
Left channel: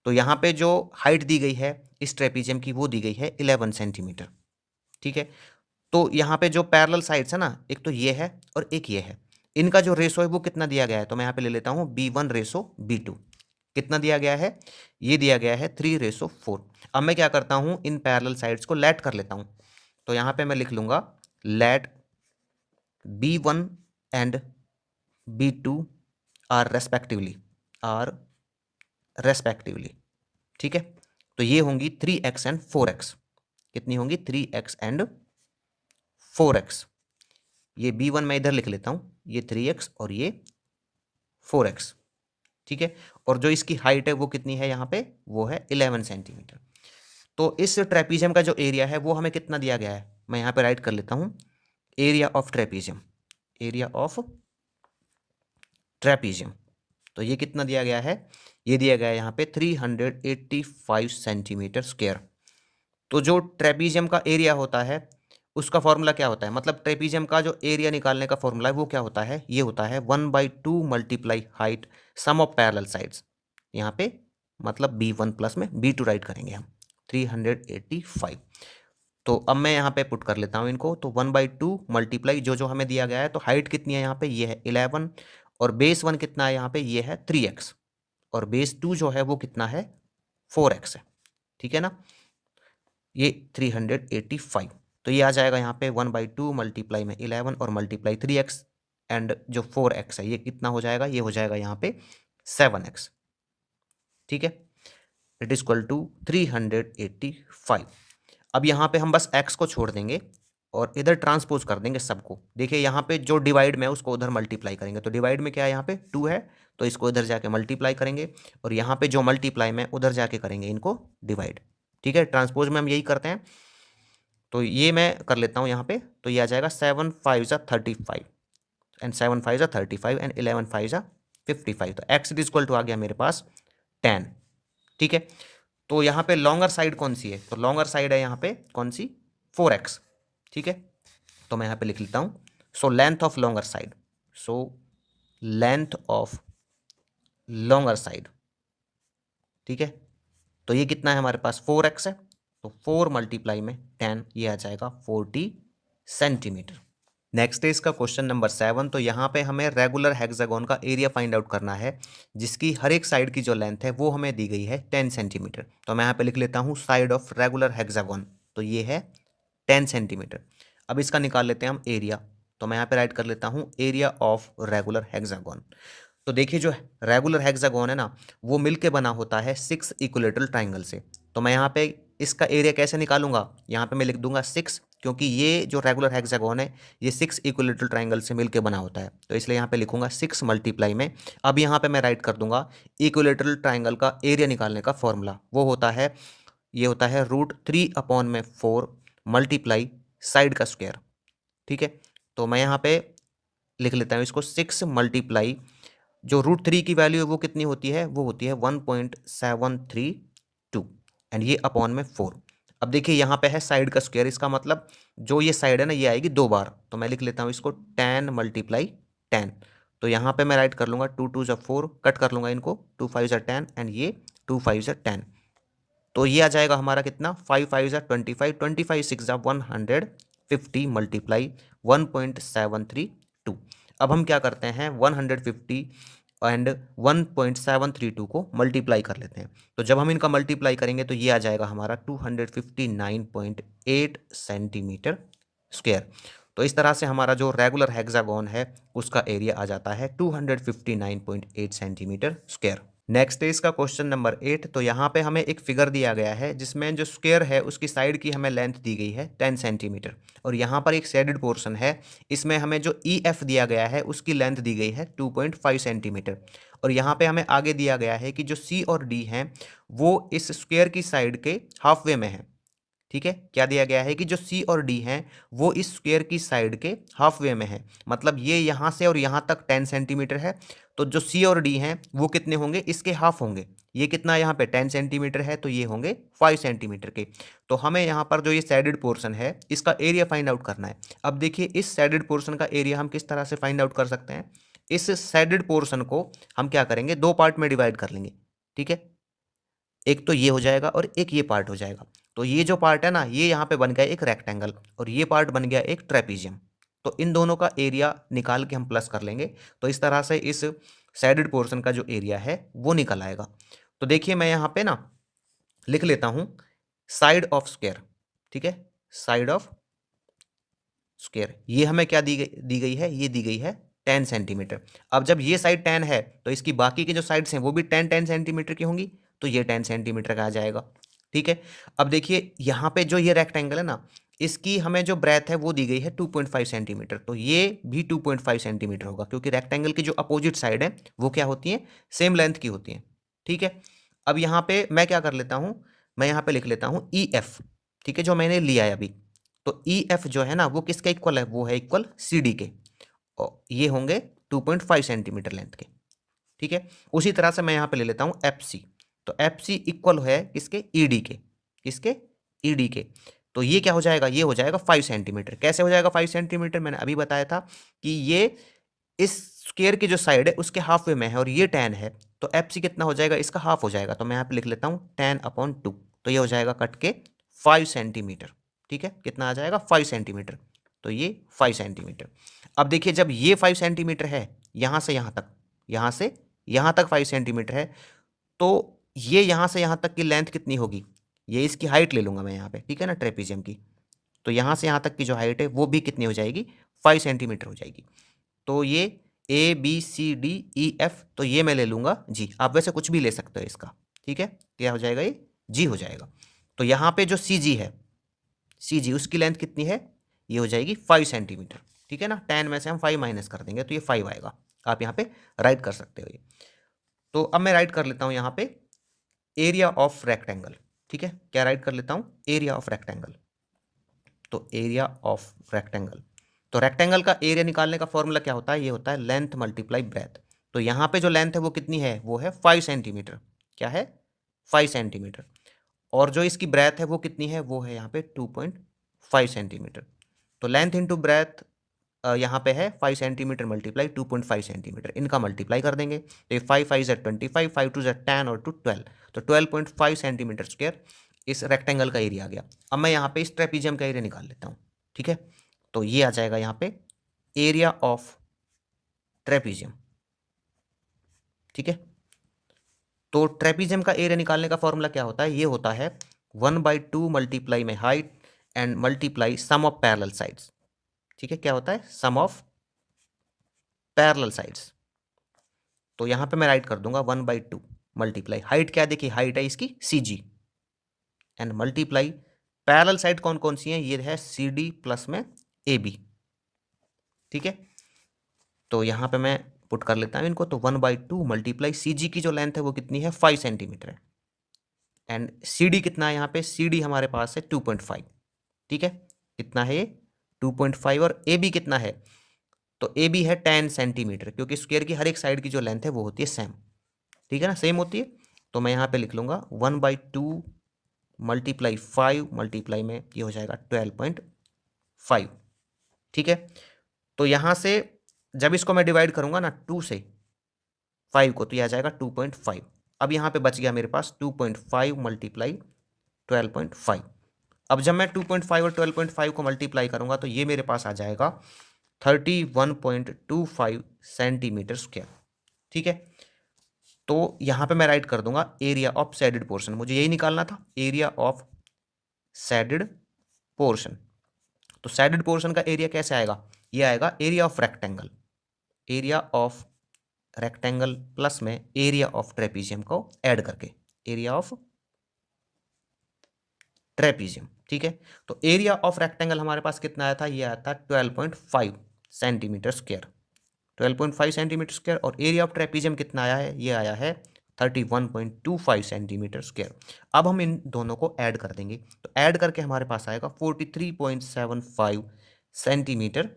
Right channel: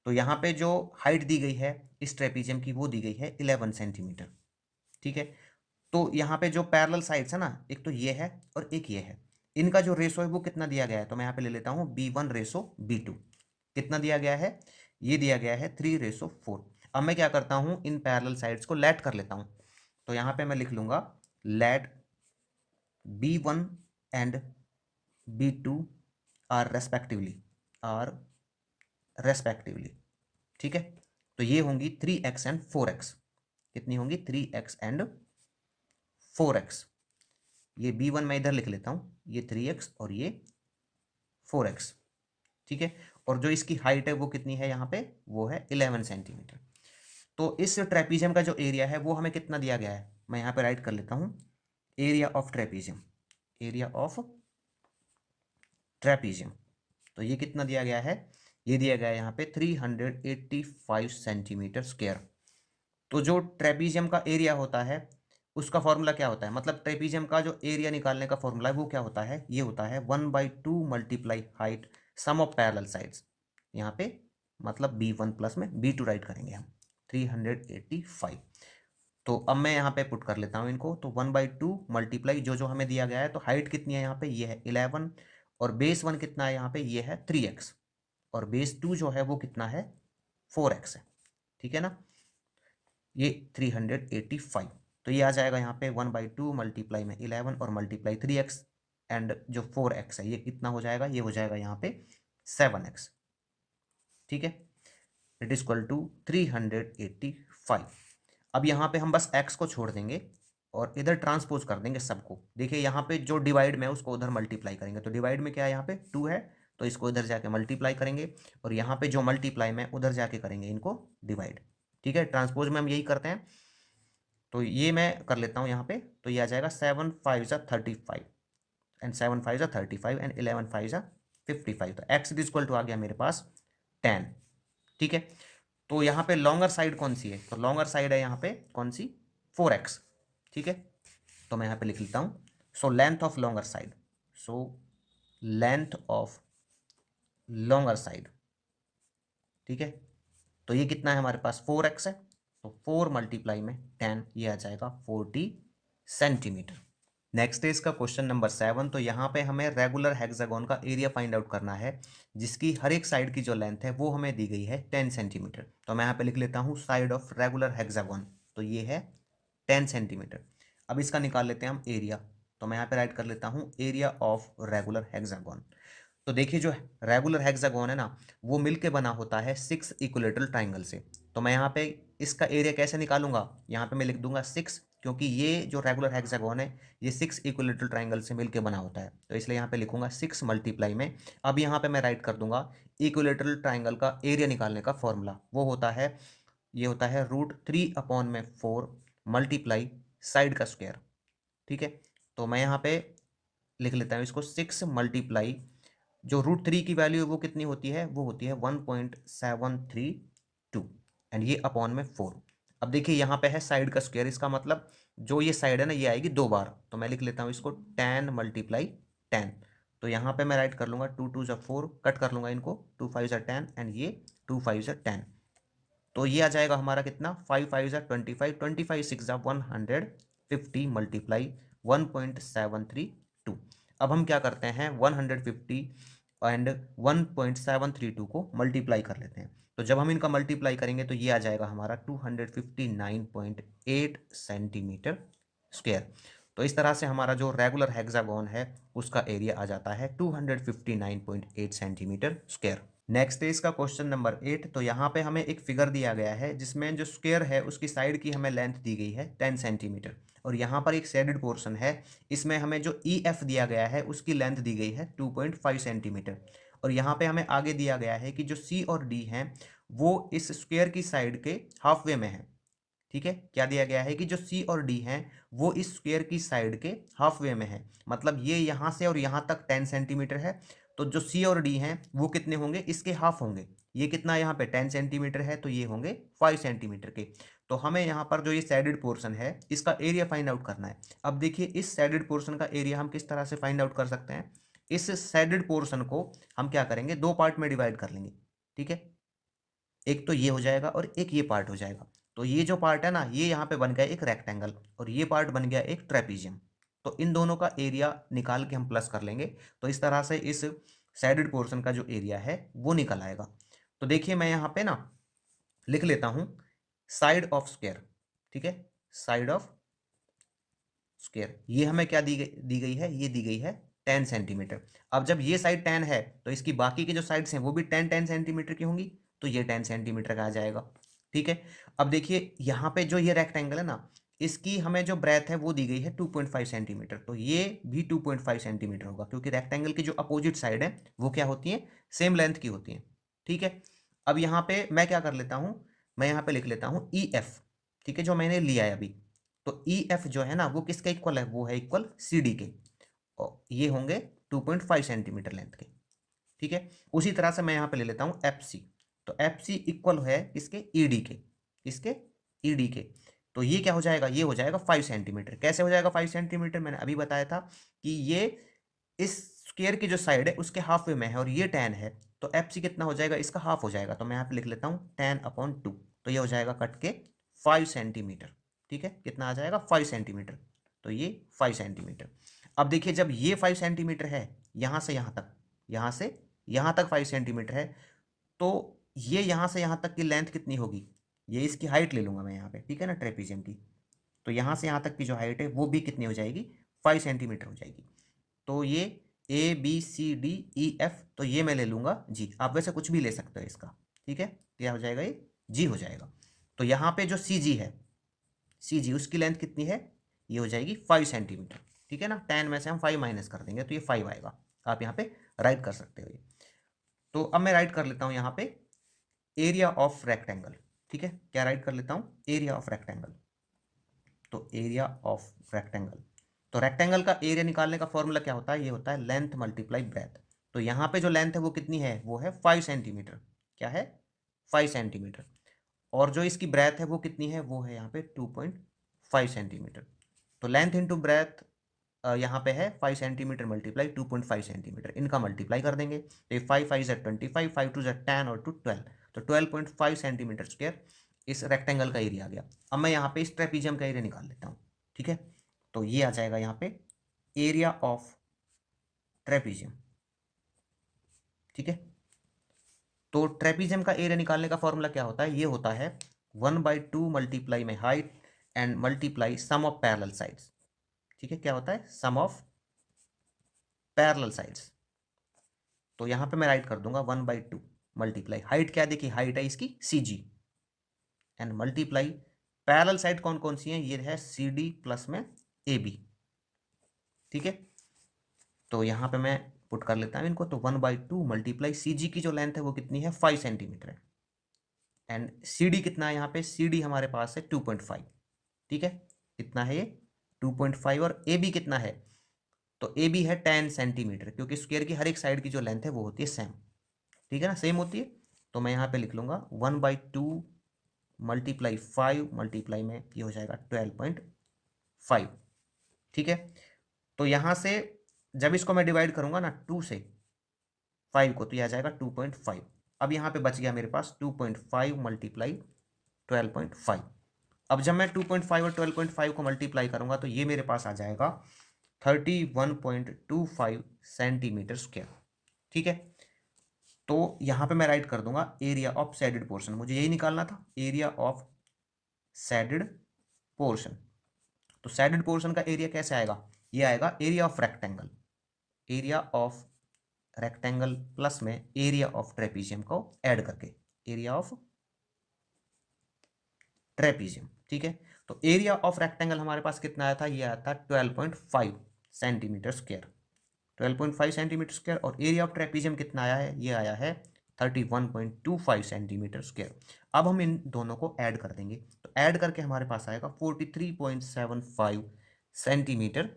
तो यहाँ पे जो हाइट दी गई है इस ट्रेपीजियम की वो दी गई है 11 सेंटीमीटर, ठीक है। तो यहाँ पे जो पैरेलल साइड्स है ना, एक तो ये है और एक ये है, इनका जो रेशो है वो कितना दिया गया है, तो मैं यहाँ पे ले लेता हूँ B1 रेशो B2। कितना दिया गया है, ये दिया गया है 3:4। अब मैं क्या करता हूँ, इन पैरेलल साइड्स को लेट कर लेता हूँ। तो यहाँ पे मैं लिख लूँगा late B1 and B2 are respectively, ठीक है। तो ये होंगी 3x एंड 4x, कितनी होंगी 3x एंड 4x। ये B1 मैं इधर लिख लेता हूँ, ये 3x और ये 4x, ठीक है। और जो इसकी हाइट है वो कितनी है यहाँ पे, वो है 11 सेंटीमीटर। तो इस ट्रेपीजियम का जो एरिया है वो हमें कितना दिया गया है, मैं यहाँ पे राइट कर लेता हूँ area of trapezium, area of trapezium. तो ये कितना दिया गया है, ये दिया गया है यहाँ पे 385 सेंटीमीटर स्क्वायर। तो जो ट्रेपीजियम का एरिया होता है उसका फॉर्मूला क्या होता है, मतलब ट्रेपीजियम का जो एरिया निकालने का फॉर्मूला है वो क्या होता है, ये होता है 1/2 multiply height sum of parallel sides. यहाँ पे मतलब B1 प्लस में B2 राइट करेंगे हम 385। तो अब मैं यहाँ पे पुट कर लेता हूँ इनको, तो 1/2 मल्टीप्लाई जो जो हमें दिया गया है, तो हाइट कितनी है यहाँ पे, ये है 11, और बेस 1 कितना है यहाँ पे, ये है 3x, और बेस 2 जो है वो कितना है 4x है, ठीक है ना। ये 385, तो ये आ जाएगा यहाँ पे 1/2 मल्टीप्लाई में 11 और मल्टीप्लाई 3x एंड जो 4x है ये कितना हो जाएगा, ये हो जाएगा यहाँ पे 7x, ठीक है। It is equal to 385। अब यहाँ पे हम बस x को छोड़ देंगे और इधर ट्रांसपोज कर देंगे सबको। देखिए यहाँ पे जो डिवाइड में है उसको उधर मल्टीप्लाई करेंगे, तो डिवाइड में क्या है यहाँ पे 2 है, तो इसको इधर जाके मल्टीप्लाई करेंगे, और यहाँ पे जो मल्टीप्लाई में उधर जाके करेंगे इनको डिवाइड, ठीक है। ट्रांसपोज में हम यही करते हैं। तो ये मैं कर लेता हूँ यहाँ पे, तो ये आ जाएगा 7 5 ज़ा 35 एंड 7 5 ज़ा 35 एंड 11 5 ज़ा 55। तो x इज इक्वल टू आ गया मेरे पास 10, ठीक है। तो यहाँ पे लॉन्गर साइड कौन सी है, तो लॉन्गर साइड है यहाँ पे कौन सी 4x, ठीक है। तो मैं यहाँ पे लिख लेता हूँ, so length of longer side, so length of longer side, ठीक है। तो ये कितना है हमारे पास, 4x है, तो 4 मल्टीप्लाई में 10, ये आ जाएगा 40 सेंटीमीटर। नेक्स्ट है इसका क्वेश्चन नंबर 7। तो यहाँ पे हमें रेगुलर हेक्सागोन का एरिया फाइंड आउट करना है, जिसकी हर एक साइड की जो लेंथ है वो हमें दी गई है 10 सेंटीमीटर। तो मैं यहाँ पे लिख लेता हूँ साइड ऑफ रेगुलर हेक्सागोन, तो ये है 10 सेंटीमीटर। अब इसका निकाल लेते हैं हम एरिया, तो मैं यहाँ पे राइट कर लेता हूँ एरिया ऑफ रेगुलर हेक्सागोन। तो देखिए जो रेगुलर हेक्सागोन है ना, वो मिलके बना होता है 6 इक्विलेटरल ट्राइंगल से। तो मैं यहाँ पे इसका एरिया कैसे निकालूंगा, यहाँ पे मैं लिख दूंगा 6, क्योंकि ये जो रेगुलर हेक्सागोन है ये 6 इक्विलेटरल ट्राइंगल से मिलके बना होता है, तो इसलिए यहाँ पे लिखूंगा 6 मल्टीप्लाई में। अब यहाँ पे मैं राइट कर दूंगा इक्विलेटरल ट्राइंगल का एरिया निकालने का फॉर्मूला, वो होता है, ये होता है √3/4 मल्टीप्लाई साइड का स्क्वायर, ठीक है। तो मैं यहाँ पे लिख लेता हूँ इसको 6 मल्टीप्लाई, जो √3 की वैल्यू है वो कितनी होती है, वो होती है 1.732, एंड ये अपॉन में 4। अब देखिए यहाँ पे है साइड का स्क्वायर, इसका मतलब जो ये साइड है ना ये आएगी 2 बार, तो मैं लिख लेता हूँ इसको 10 मल्टीप्लाई 10। तो यहाँ पे मैं राइट कर लूँगा 2 2 4, कट कर लूँगा इनको, 2 5 10 एंड ये 2 5 10। तो ये आ जाएगा हमारा कितना, 5 5 25, 25 6 150 मल्टीप्लाई 1.732। अब हम क्या करते हैं, 150 एंड 1.732 को मल्टीप्लाई कर लेते हैं। तो जब हम इनका मल्टीप्लाई करेंगे तो ये आ जाएगा हमारा 259.8 सेंटीमीटर स्क्वायर। तो इस तरह से हमारा जो रेगुलर हेक्सागोन है उसका एरिया आ जाता है 259.8 सेंटीमीटर स्क्वायर। नेक्स्ट है इसका क्वेश्चन नंबर 8। तो यहाँ पे हमें एक फिगर दिया गया है जिसमें जो स्क्वायर है उसकी साइड की हमें लेंथ दी गई है 10 सेंटीमीटर, और यहाँ पर एक शेडेड पोर्शन है, इसमें हमें जो ई एफ दिया गया है उसकी लेंथ दी गई है 2.5 सेंटीमीटर। और यहाँ पे हमें आगे दिया गया है कि जो सी और डी हैं वो इस स्क्वायर की साइड के हाफ वे में है, ठीक है। क्या दिया गया है कि जो सी और डी हैं वो इस स्क्वायर की साइड के हाफ वे में है, मतलब ये यहाँ से और यहाँ तक 10 सेंटीमीटर है, तो जो सी और डी हैं वो कितने होंगे, इसके हाफ होंगे। ये कितना यहाँ पे 10 सेंटीमीटर है, तो ये होंगे 5 सेंटीमीटर के। तो हमें यहाँ पर जो ये सैडेड पोर्शन है इसका एरिया फाइंड आउट करना है। अब देखिए इस सैडेड पोर्शन का एरिया हम किस तरह से फाइंड आउट कर सकते हैं, इस सैडेड पोर्शन को हम क्या करेंगे, 2 पार्ट में डिवाइड कर लेंगे, ठीक है। एक तो ये हो जाएगा और एक ये पार्ट हो जाएगा। तो ये जो पार्ट है ना ये यहाँ पे बन गया एक रेक्टेंगल, और ये पार्ट बन गया एक ट्रेपीजियम। तो इन दोनों का एरिया निकाल के हम प्लस कर लेंगे, तो इस तरह से इस साइडेड पोर्शन का जो एरिया है वो निकल आएगा। तो देखिए मैं यहाँ पे ना लिख लेता हूँ साइड ऑफ स्क्वायर, ठीक है, साइड ऑफ स्क्वायर, ये हमें क्या दी गई है, ये दी गई है 10 सेंटीमीटर। अब जब ये साइड 10 है तो इसकी बाकी की जो साइड्स हैं वो भी 10 सेंटीमीटर की होंगी, तो ये 10 सेंटीमीटर का आ जाएगा, ठीक है। अब देखिए यहाँ पे जो ये रेक्टेंगल है ना, इसकी हमें जो ब्रेथ है वो दी गई है 2.5 सेंटीमीटर, तो ये भी 2.5 सेंटीमीटर होगा, क्योंकि रेक्टेंगल की जो अपोजिट साइड है वो क्या होती है, सेम लेंथ की होती है, ठीक है। अब यहाँ पे मैं क्या कर लेता हूँ, मैं यहाँ पे लिख लेता हूँ ई एफ, ठीक है, जो मैंने लिया है अभी। तो ई एफ जो है ना वो किसके इक्वल है, वो है इक्वल सी डी के, और ये होंगे 2.5 सेंटीमीटर लेंथ के, ठीक है। उसी तरह से मैं यहाँ पे ले लेता हूँ एफ सी, तो एफ सी इक्वल है किसके, ई डी के, किसके, ई डी के। तो ये क्या हो जाएगा, ये हो जाएगा 5 सेंटीमीटर। कैसे हो जाएगा 5 सेंटीमीटर, मैंने अभी बताया था कि ये इस स्क्वायर की जो साइड है उसके हाफ वे में है और ये 10 है, तो एफ सी कितना हो जाएगा, इसका हाफ हो जाएगा। तो मैं यहाँ पे लिख लेता हूँ 10/2, तो ये हो जाएगा कट के 5 सेंटीमीटर, ठीक है। कितना आ जाएगा, 5 सेंटीमीटर, तो ये 5 सेंटीमीटर। अब देखिए जब ये 5 सेंटीमीटर है यहाँ से यहाँ तक, यहाँ से यहाँ तक 5 सेंटीमीटर है, तो ये यहाँ से यहाँ तक की लेंथ कितनी होगी, ये इसकी हाइट ले लूँगा मैं यहाँ पे, ठीक है ना, ट्रेपीजियम की। तो यहाँ से यहाँ तक की जो हाइट है वो भी कितनी हो जाएगी, 5 सेंटीमीटर हो जाएगी। तो ये A B C D E F, तो ये मैं ले लूँगा जी। आप वैसे कुछ भी ले सकते हो इसका, ठीक है। क्या हो जाएगा, ये जी हो जाएगा। तो यहाँ पे जो सी जी है, सी जी उसकी लेंथ कितनी है, ये हो जाएगी 5 सेंटीमीटर, ठीक है ना। 10 में से हम 5 माइनस कर देंगे तो ये 5 आएगा। आप यहाँ पे राइट कर सकते हो ये। तो अब मैं राइट कर लेता हूँ यहाँ पे एरिया ऑफ रेक्टेंगल, ठीक है। क्या राइट कर लेता हूँ, एरिया ऑफ रेक्टेंगल। तो एरिया ऑफ रेक्टेंगल, तो रेक्टेंगल का एरिया निकालने का फॉर्मूला क्या होता है, ये होता है लेंथ मल्टीप्लाई ब्रेथ। तो यहाँ पे जो लेंथ है वो कितनी है, वो है 5 सेंटीमीटर। क्या है, 5 सेंटीमीटर। और जो इसकी ब्रेथ है वो कितनी है, वो है यहाँ पे 2.5 सेंटीमीटर। तो लेंथ इंटू ब्रेथ यहाँ पे है 5 सेंटीमीटर मल्टीप्लाई 2.5 सेंटीमीटर, इनका मल्टीप्लाई कर देंगे तो ये 5 5 ज़ 25, 5 2 ज़ 10 और 2 12, तो 12.5 सेंटीमीटर स्क्वायर इस रेक्टेंगल का एरिया आ गया। अब मैं यहाँ पे इस ट्रेपीजियम का एरिया निकाल लेता हूँ, ठीक है। तो ये आ जाएगा यहाँ पे एरिया ऑफ ट्रेपीजियम, ठीक है। तो ट्रेपीजियम का एरिया निकालने का फॉर्मूला क्या होता है, ये होता है 1/2 मल्टीप्लाई में height and multiply sum of parallel sides, ठीक है। क्या होता है, सम ऑफ पैरेलल साइड्स। तो यहाँ पे मैं राइट कर दूंगा 1/2 मल्टीप्लाई हाइट, क्या देखिए हाइट है इसकी CG, and multiply parallel side कौन कौन सी है, ये है CD प्लस में AB, ठीक है। तो यहाँ पे मैं पुट कर लेता हूँ इनको, तो 1/2 मल्टीप्लाई CG की जो लेंथ है वो कितनी है 5 सेंटीमीटर है, एंड CD कितना है यहाँ पे, CD हमारे पास है 2.5, ठीक है। कितना है ये 2.5, और AB कितना है, तो AB है 10 सेंटीमीटर, क्योंकि स्क्वायर की हर एक साइड की जो लेंथ है वो होती है सेम, ठीक है ना, सेम होती है। तो मैं यहाँ पे लिख लूँगा 1/2 मल्टीप्लाई 5 मल्टीप्लाई में ये हो जाएगा 12.5, ठीक है। तो यहाँ से जब इसको मैं डिवाइड करूँगा ना 2 से 5 को, तो यह आ जाएगा 2.5। अब यहाँ पे बच गया मेरे पास 2.5 मल्टीप्लाई 12.5। अब जब मैं 2.5 और 12.5 को मल्टीप्लाई करूँगा तो ये मेरे पास आ जाएगा 31.25 सेंटीमीटर स्क्वायर, ठीक है। तो यहाँ पे मैं राइट कर दूंगा एरिया ऑफ शेडेड पोर्शन, मुझे यही निकालना था, एरिया ऑफ शेडेड पोर्शन। तो शेडेड पोर्शन का एरिया कैसे आएगा, ये आएगा area of rectangle, area of rectangle plus में एरिया ऑफ ट्रेपीजियम को ऐड करके, एरिया ऑफ ट्रेपीजियम, ठीक है। तो एरिया ऑफ रेक्टेंगल हमारे पास कितना आया था, ये आया था 12.5 सेंटीमीटर स्क्वायर, 12.5 सेंटीमीटर स्क्वायर, और एरिया ऑफ ट्रेपीजियम कितना आया है, ये आया है 31.25 सेंटीमीटर स्क्वायर। अब हम इन दोनों को ऐड कर देंगे, तो ऐड करके हमारे पास आएगा 43.75 सेंटीमीटर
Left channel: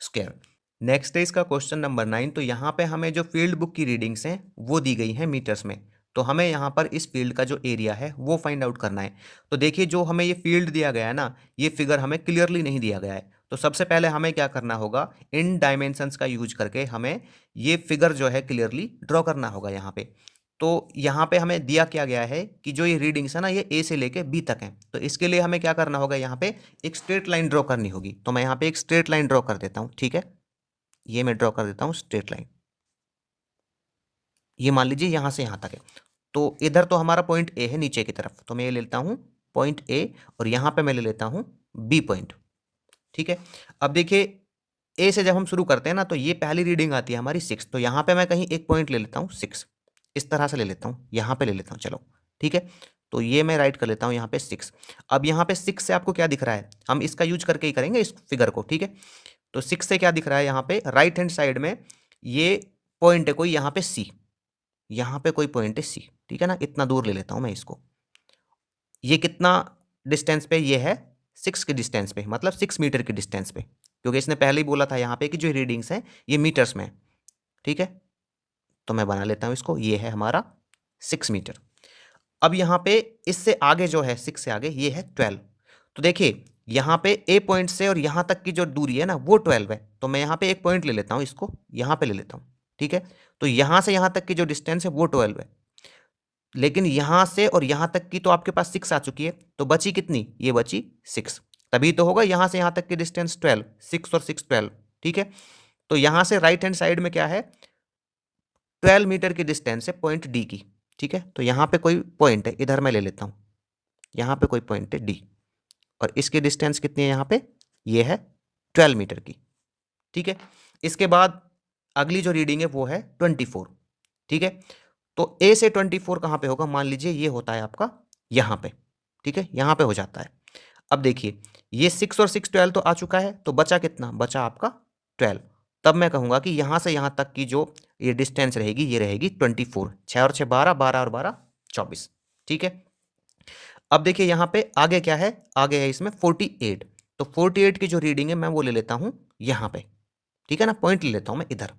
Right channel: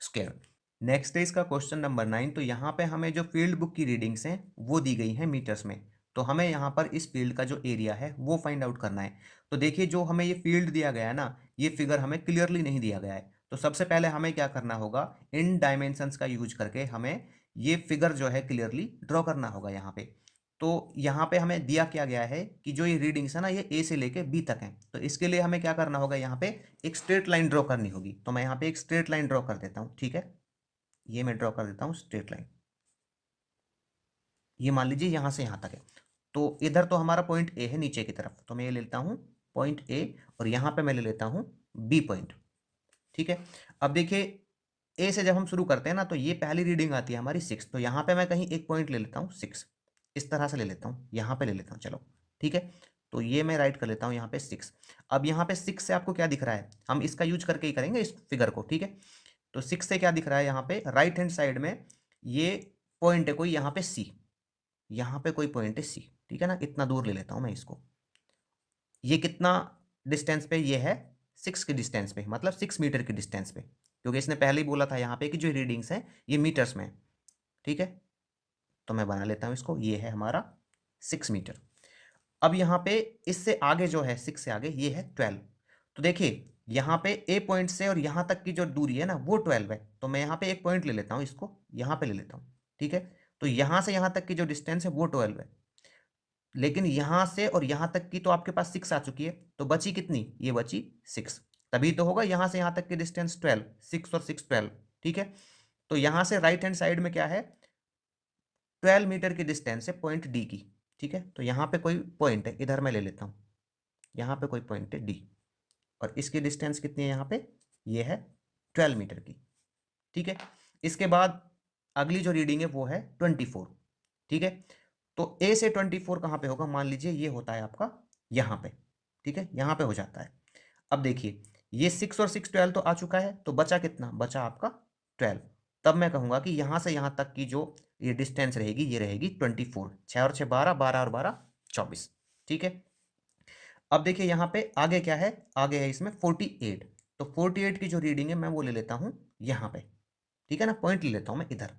स्क्वायर। नेक्स्ट है इसका क्वेश्चन नंबर 9। तो यहाँ पे हमें जो फील्ड बुक की रीडिंग्स हैं वो दी गई हैं मीटर्स में, तो हमें यहाँ पर इस फील्ड का जो एरिया है वो फाइंड आउट करना है। तो देखिए जो हमें ये फील्ड दिया गया है ना, ये फिगर हमें क्लियरली नहीं दिया गया है, तो सबसे पहले हमें क्या करना होगा, इन डायमेंशंस का यूज करके हमें ये फिगर जो है क्लियरली ड्रॉ करना होगा यहाँ पे। तो यहाँ पे हमें दिया क्या गया है कि जो ये रीडिंग्स है ना ये A से लेके B तक हैं, तो इसके लिए हमें क्या करना होगा, यहाँ पे एक स्ट्रेट लाइन ड्रॉ करनी होगी। तो मैं यहाँ पे एक स्ट्रेट लाइन ड्रॉ कर देता हूँ, ठीक है। ये मैं ड्रॉ कर देता हूँ स्ट्रेट लाइन, ये मान लीजिए यहाँ से यहाँ तक है। तो इधर तो हमारा पॉइंट A है नीचे की तरफ, तो मैं ये ले लेता हूँ पॉइंट A, और यहाँ पे मैं ले लेता हूँ B पॉइंट, ठीक है। अब देखिए A से जब हम शुरू करते हैं ना तो ये पहली रीडिंग आती है हमारी 6, तो यहाँ पे मैं कहीं एक पॉइंट ले लेता हूँ 6, इस तरह से ले लेता हूँ, यहाँ पे ले लेता हूँ, चलो ठीक है। तो ये मैं राइट कर लेता हूँ यहाँ पे 6। अब यहाँ पे 6 से आपको क्या दिख रहा है, हम इसका यूज करके ही करेंगे इस फिगर को, ठीक है। तो 6 से क्या दिख रहा है, यहाँ पे राइट हैंड साइड में ये पॉइंट है कोई, यहाँ पे C, यहाँ पे कोई पॉइंट है C, ठीक है ना। इतना दूर ले लेता हूँ मैं इसको, ये कितना डिस्टेंस पे, ये है 6 के डिस्टेंस पे, मतलब 6 मीटर की डिस्टेंस पे, क्योंकि इसने पहले ही बोला था यहाँ पे कि जो रीडिंग्स हैं ये मीटर्स में, ठीक है। तो मैं बना लेता हूँ इसको, ये है हमारा 6 मीटर। अब यहाँ पे इससे आगे जो है 6 से आगे ये है 12। तो देखिए यहाँ पे A पॉइंट से और यहाँ तक की जो दूरी है ना वो 12 है, तो मैं यहाँ पे एक पॉइंट ले लेता हूँ, इसको यहाँ पे ले लेता हूँ, ठीक है। तो यहाँ से यहाँ तक की जो डिस्टेंस है वो 12 है, लेकिन यहाँ से और यहाँ तक की तो आपके पास 6 आ चुकी है, तो बची कितनी, ये बची 6, तभी तो होगा यहाँ से यहाँ तक की डिस्टेंस 12, 6 और 6 12, ठीक है। तो यहाँ से राइट हैंड साइड में क्या है, 12 मीटर की डिस्टेंस है पॉइंट डी की, ठीक है। तो यहाँ पे कोई पॉइंट है, इधर मैं ले लेता हूँ, यहाँ पे कोई पॉइंट है डी, और इसकी डिस्टेंस कितनी है यहाँ पे, ये है 12 मीटर की, ठीक है। इसके बाद अगली जो रीडिंग है वो है 24, ठीक है। तो ए से 24 कहाँ पे होगा, मान लीजिए ये होता है आपका यहाँ पे, ठीक है, यहाँ पे हो जाता है। अब देखिए ये 6 और 6 12 तो आ चुका है, तो बचा कितना, बचा आपका 12। तब मैं कहूँगा कि यहाँ से यहाँ तक की जो ये डिस्टेंस रहेगी ये रहेगी 24, 6 और 6 12, 12 और 12 24, ठीक है। अब देखिए यहाँ पे आगे क्या है, आगे है इसमें 48, तो 48 की जो रीडिंग है मैं वो ले लेता हूँ यहाँ पे, ठीक है ना, पॉइंट ले लेता हूँ मैं इधर।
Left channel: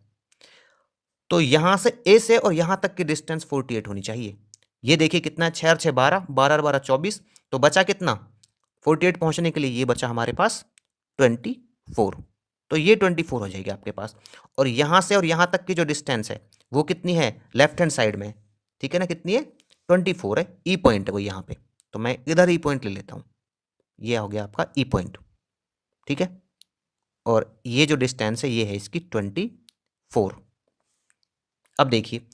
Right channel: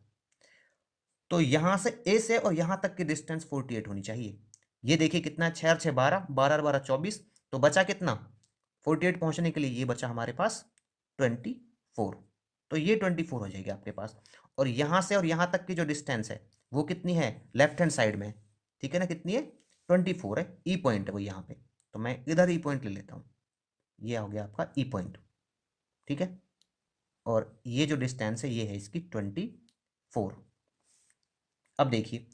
तो यहाँ से ए से और यहाँ तक की डिस्टेंस 48 होनी चाहिए। ये देखिए कितना है, 6 और 6 12, 12 और 12 24, तो बचा कितना, 48 पहुँचने के लिए ये बचा हमारे पास 24। तो ये 24 हो जाएगी आपके पास। और यहाँ से और यहाँ तक की जो डिस्टेंस है वो कितनी है, लेफ्ट हैंड साइड में, ठीक है ना, कितनी है, 24 है। ई पॉइंट है वो यहाँ पे, तो मैं इधर ई पॉइंट ले लेता हूँ। ये हो गया आपका ई पॉइंट, ठीक है। और ये जो डिस्टेंस है ये है इसकी 24। अब देखिए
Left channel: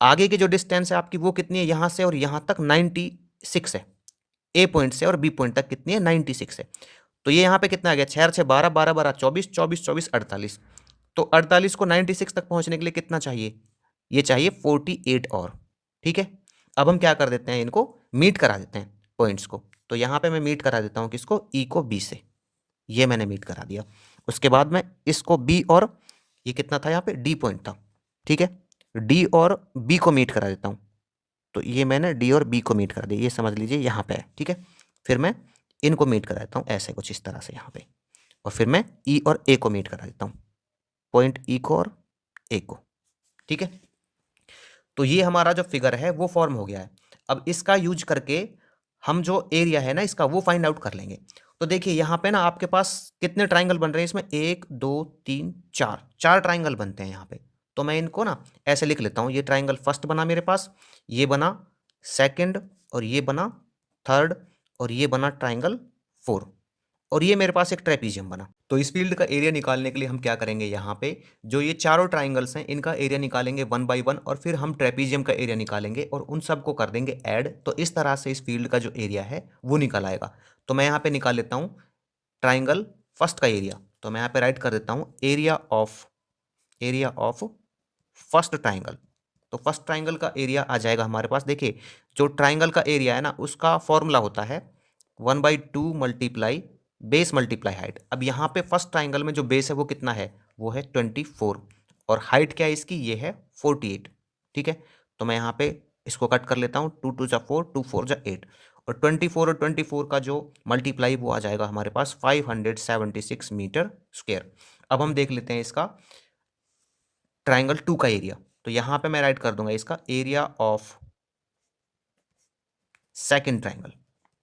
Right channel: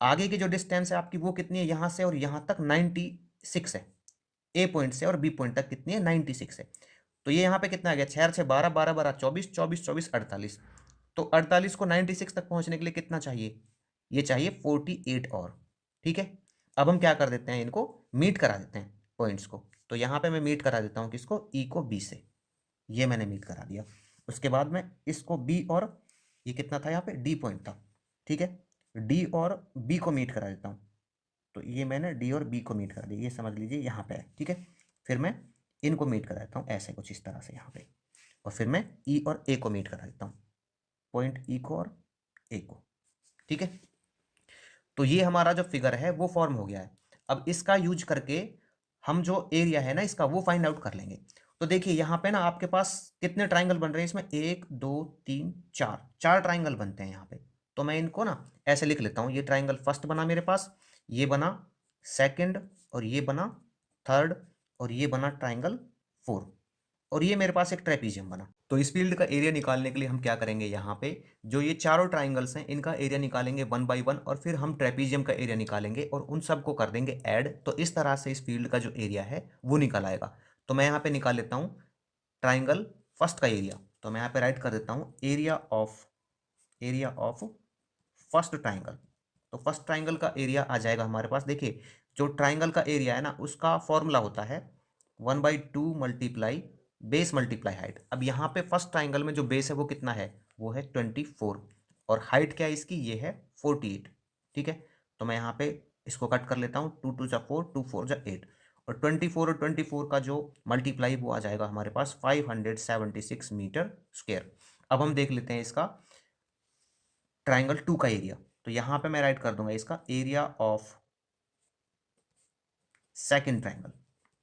आगे की जो डिस्टेंस है आपकी वो कितनी है, यहाँ से और यहाँ तक 96 है। ए पॉइंट से और बी पॉइंट तक कितनी है, 96 है। तो ये यहाँ पे कितना आ गया, 6 और 6 12, 12 12 24, 24 24 48। तो 48 को 96 तक पहुँचने के लिए कितना चाहिए, ये चाहिए 48 और, ठीक है। अब हम क्या कर देते हैं, इनको मीट करा देते हैं पॉइंट्स को। तो यहाँ पे मैं मीट करा देता हूँ किसको, ई को बी से। ये मैंने मीट करा दिया। उसके बाद मैं इसको बी और ये कितना था यहाँ पे, डी पॉइंट था, ठीक है, डी और बी को मीट करा देता हूँ। तो ये मैंने डी और बी को मीट करा दिया, ये समझ लीजिए यहाँ पे है, ठीक है। फिर मैं इनको मीट करा देता हूँ ऐसे कुछ इस तरह से यहाँ पे। और फिर मैं ई और ए को मीट करा देता हूँ, पॉइंट ई को और ए को, ठीक है। तो ये हमारा जो फिगर है वो फॉर्म हो गया है। अब इसका यूज करके हम जो एरिया है ना इसका वो फाइंड आउट कर लेंगे। तो देखिए यहाँ पे ना आपके पास कितने ट्राइंगल बन रहे हैं इसमें, 1 2 3 4, 4 ट्राइंगल बनते हैं यहाँ पे। तो मैं इनको ना ऐसे लिख लेता हूँ, ये ट्राइंगल फर्स्ट बना मेरे पास, ये बना सेकंड, और ये बना थर्ड, और ये बना ट्राइंगल 4, और ये मेरे पास एक ट्रेपीजियम बना। तो इस फील्ड का एरिया निकालने के लिए हम क्या करेंगे, यहाँ पे जो ये चारों ट्राइंगल्स हैं इनका एरिया निकालेंगे 1 बाई 1, और फिर हम ट्रेपीजियम का एरिया निकालेंगे और उन सबको कर देंगे ऐड। तो इस तरह से इस फील्ड का जो एरिया है वो निकल आएगा। तो मैं यहाँ पे निकाल लेता हूँ ट्राइंगल फर्स्ट का एरिया। तो मैं यहाँ पे राइट कर देता हूँ एरिया ऑफ फर्स्ट ट्राइंगल। तो फर्स्ट ट्राइंगल का एरिया आ जाएगा हमारे पास। देखिए जो ट्राइंगल का एरिया है ना उसका फॉर्मूला होता है 1/2 मल्टीप्लाई बेस मल्टीप्लाई हाइट। अब यहाँ पे फर्स्ट ट्राइंगल में जो बेस है वो कितना है, वो है 24, और हाइट क्या है इसकी, ये है 48, ठीक है। तो मैं यहाँ पे इसको कट कर लेता हूँ, 2 2 जा 4, 2 4 जा 8, और 24 का जो मल्टीप्लाई वो आ जाएगा हमारे पास 576 मीटर स्क्वायर। अब हम देख लेते हैं इसका ट्राइंगल 2 का एरिया। तो यहाँ पे मैं राइट कर दूंगा इसका एरिया ऑफ सेकंड ट्राइंगल,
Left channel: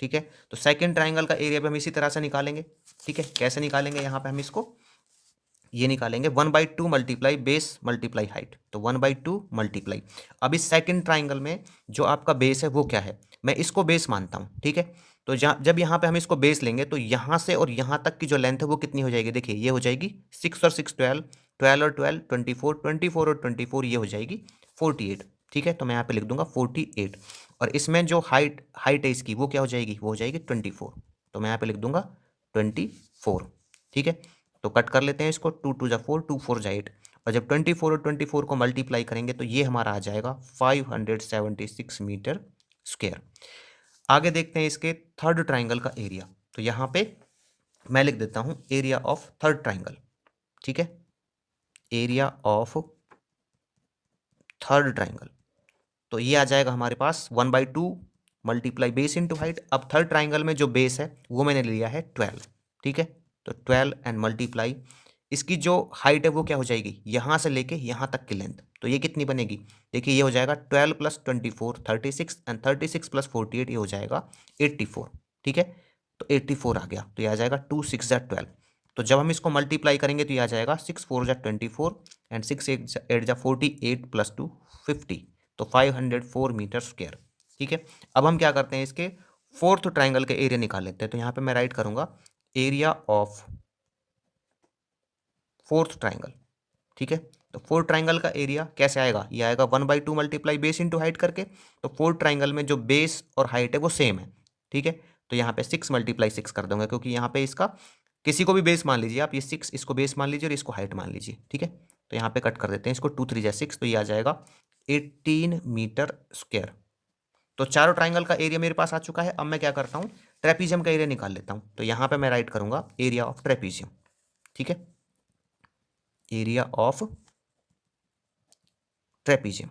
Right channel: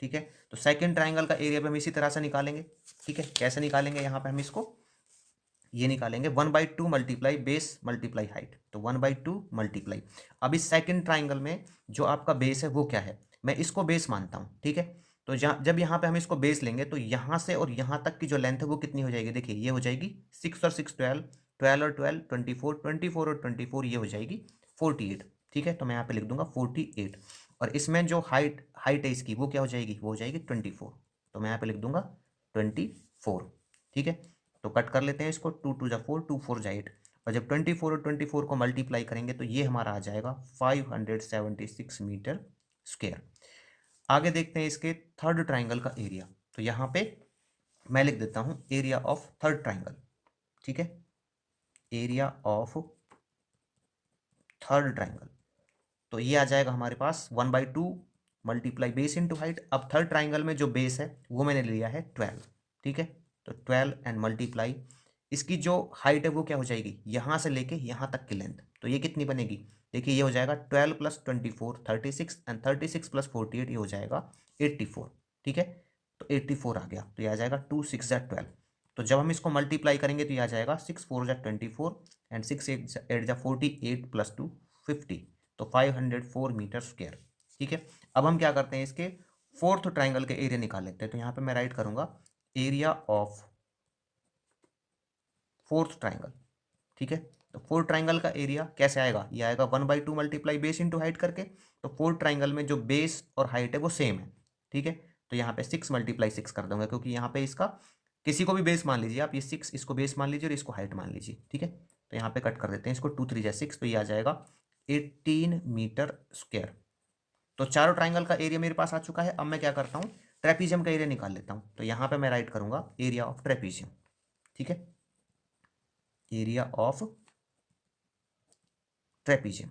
ठीक है। तो सेकंड ट्राइंगल का एरिया भी हम इसी तरह से निकालेंगे, ठीक है। कैसे निकालेंगे, यहाँ पे हम इसको ये निकालेंगे 1/2 मल्टीप्लाई बेस मल्टीप्लाई हाइट। तो 1/2 मल्टीप्लाई, अब इस सेकंड ट्राइंगल में जो आपका बेस है वो क्या है, मैं इसको बेस मानता हूँ, ठीक है। तो जब यहाँ पे हम इसको बेस लेंगे तो यहाँ से और यहाँ तक की जो लेंथ है वो कितनी हो जाएगी, देखिए ये हो जाएगी 6 और 6 12, 12 और 12 24, 24 और 24 ये हो जाएगी 48, ठीक है। तो मैं यहाँ पे लिख दूंगा 48, और इसमें जो हाइट हाइट है इसकी वो क्या हो जाएगी, वो हो जाएगी 24। तो मैं यहाँ पे लिख दूंगा 24, ठीक है। तो कट कर लेते हैं इसको, 2 2 जा 4, 2 4 जा 8, और जब 24 और 24 को मल्टीप्लाई करेंगे तो ये हमारा आ जाएगा 576 मीटर स्क्वायर। आगे देखते हैं इसके थर्ड ट्राइंगल का एरिया। तो यहाँ पे मैं लिख देता हूँ एरिया ऑफ थर्ड ट्राइंगल, ठीक है, एरिया ऑफ थर्ड ट्राइंगल। तो ये आ जाएगा हमारे पास 1/2 मल्टीप्लाई बेस इंटू हाइट। अब थर्ड ट्राइंगल में जो बेस है वो मैंने लिया है 12, ठीक है। तो 12 एंड मल्टीप्लाई इसकी जो हाइट है वो क्या हो जाएगी, यहाँ से लेके यहाँ तक की लेंथ। तो ये कितनी बनेगी, देखिए ये हो जाएगा 12 + 24 36, एंड 36 + 48 ये हो जाएगा 84, ठीक है। तो 84 आ गया, तो ये आ जाएगा 2 6 जा 12। तो जब हम इसको मल्टीप्लाई करेंगे तो ये आ जाएगा 6 4 जा 24, एंड 6 8 जा 48 + 2 50। तो 504 मीटर स्क्वायर, ठीक है। अब हम क्या करते हैं, इसके फोर्थ ट्राइंगल के एरिया निकाल लेते हैं। तो यहाँ पे मैं राइट करूंगा एरिया ऑफ फोर्थ ट्राइंगल, ठीक है। तो फोर्थ ट्राइंगल का एरिया कैसे आएगा, ये आएगा 1/2 मल्टीप्लाई बेस इंटू हाइट करके। तो फोर्थ ट्राइंगल में जो बेस और हाइट है वो सेम है, ठीक है। तो यहाँ पे 6 × 6 कर दूंगा, क्योंकि यहाँ पे इसका किसी को भी बेस मान लीजिए आप, ये 6 इसको बेस मान लीजिए और इसको हाइट मान लीजिए, ठीक है। तो यहाँ पे कट कर देते हैं इसको, 2 3 जा 6, तो ये आ जाएगा 18 मीटर स्क्वायर। तो चारों ट्राइंगल का एरिया मेरे पास आ चुका है। अब मैं क्या करता हूँ, ट्रेपीजियम का एरिया निकाल लेता हूँ। तो यहाँ पे मैं राइट करूंगा एरिया ऑफ ट्रेपीजियम, ठीक है, एरिया ऑफ ट्रेपीजियम।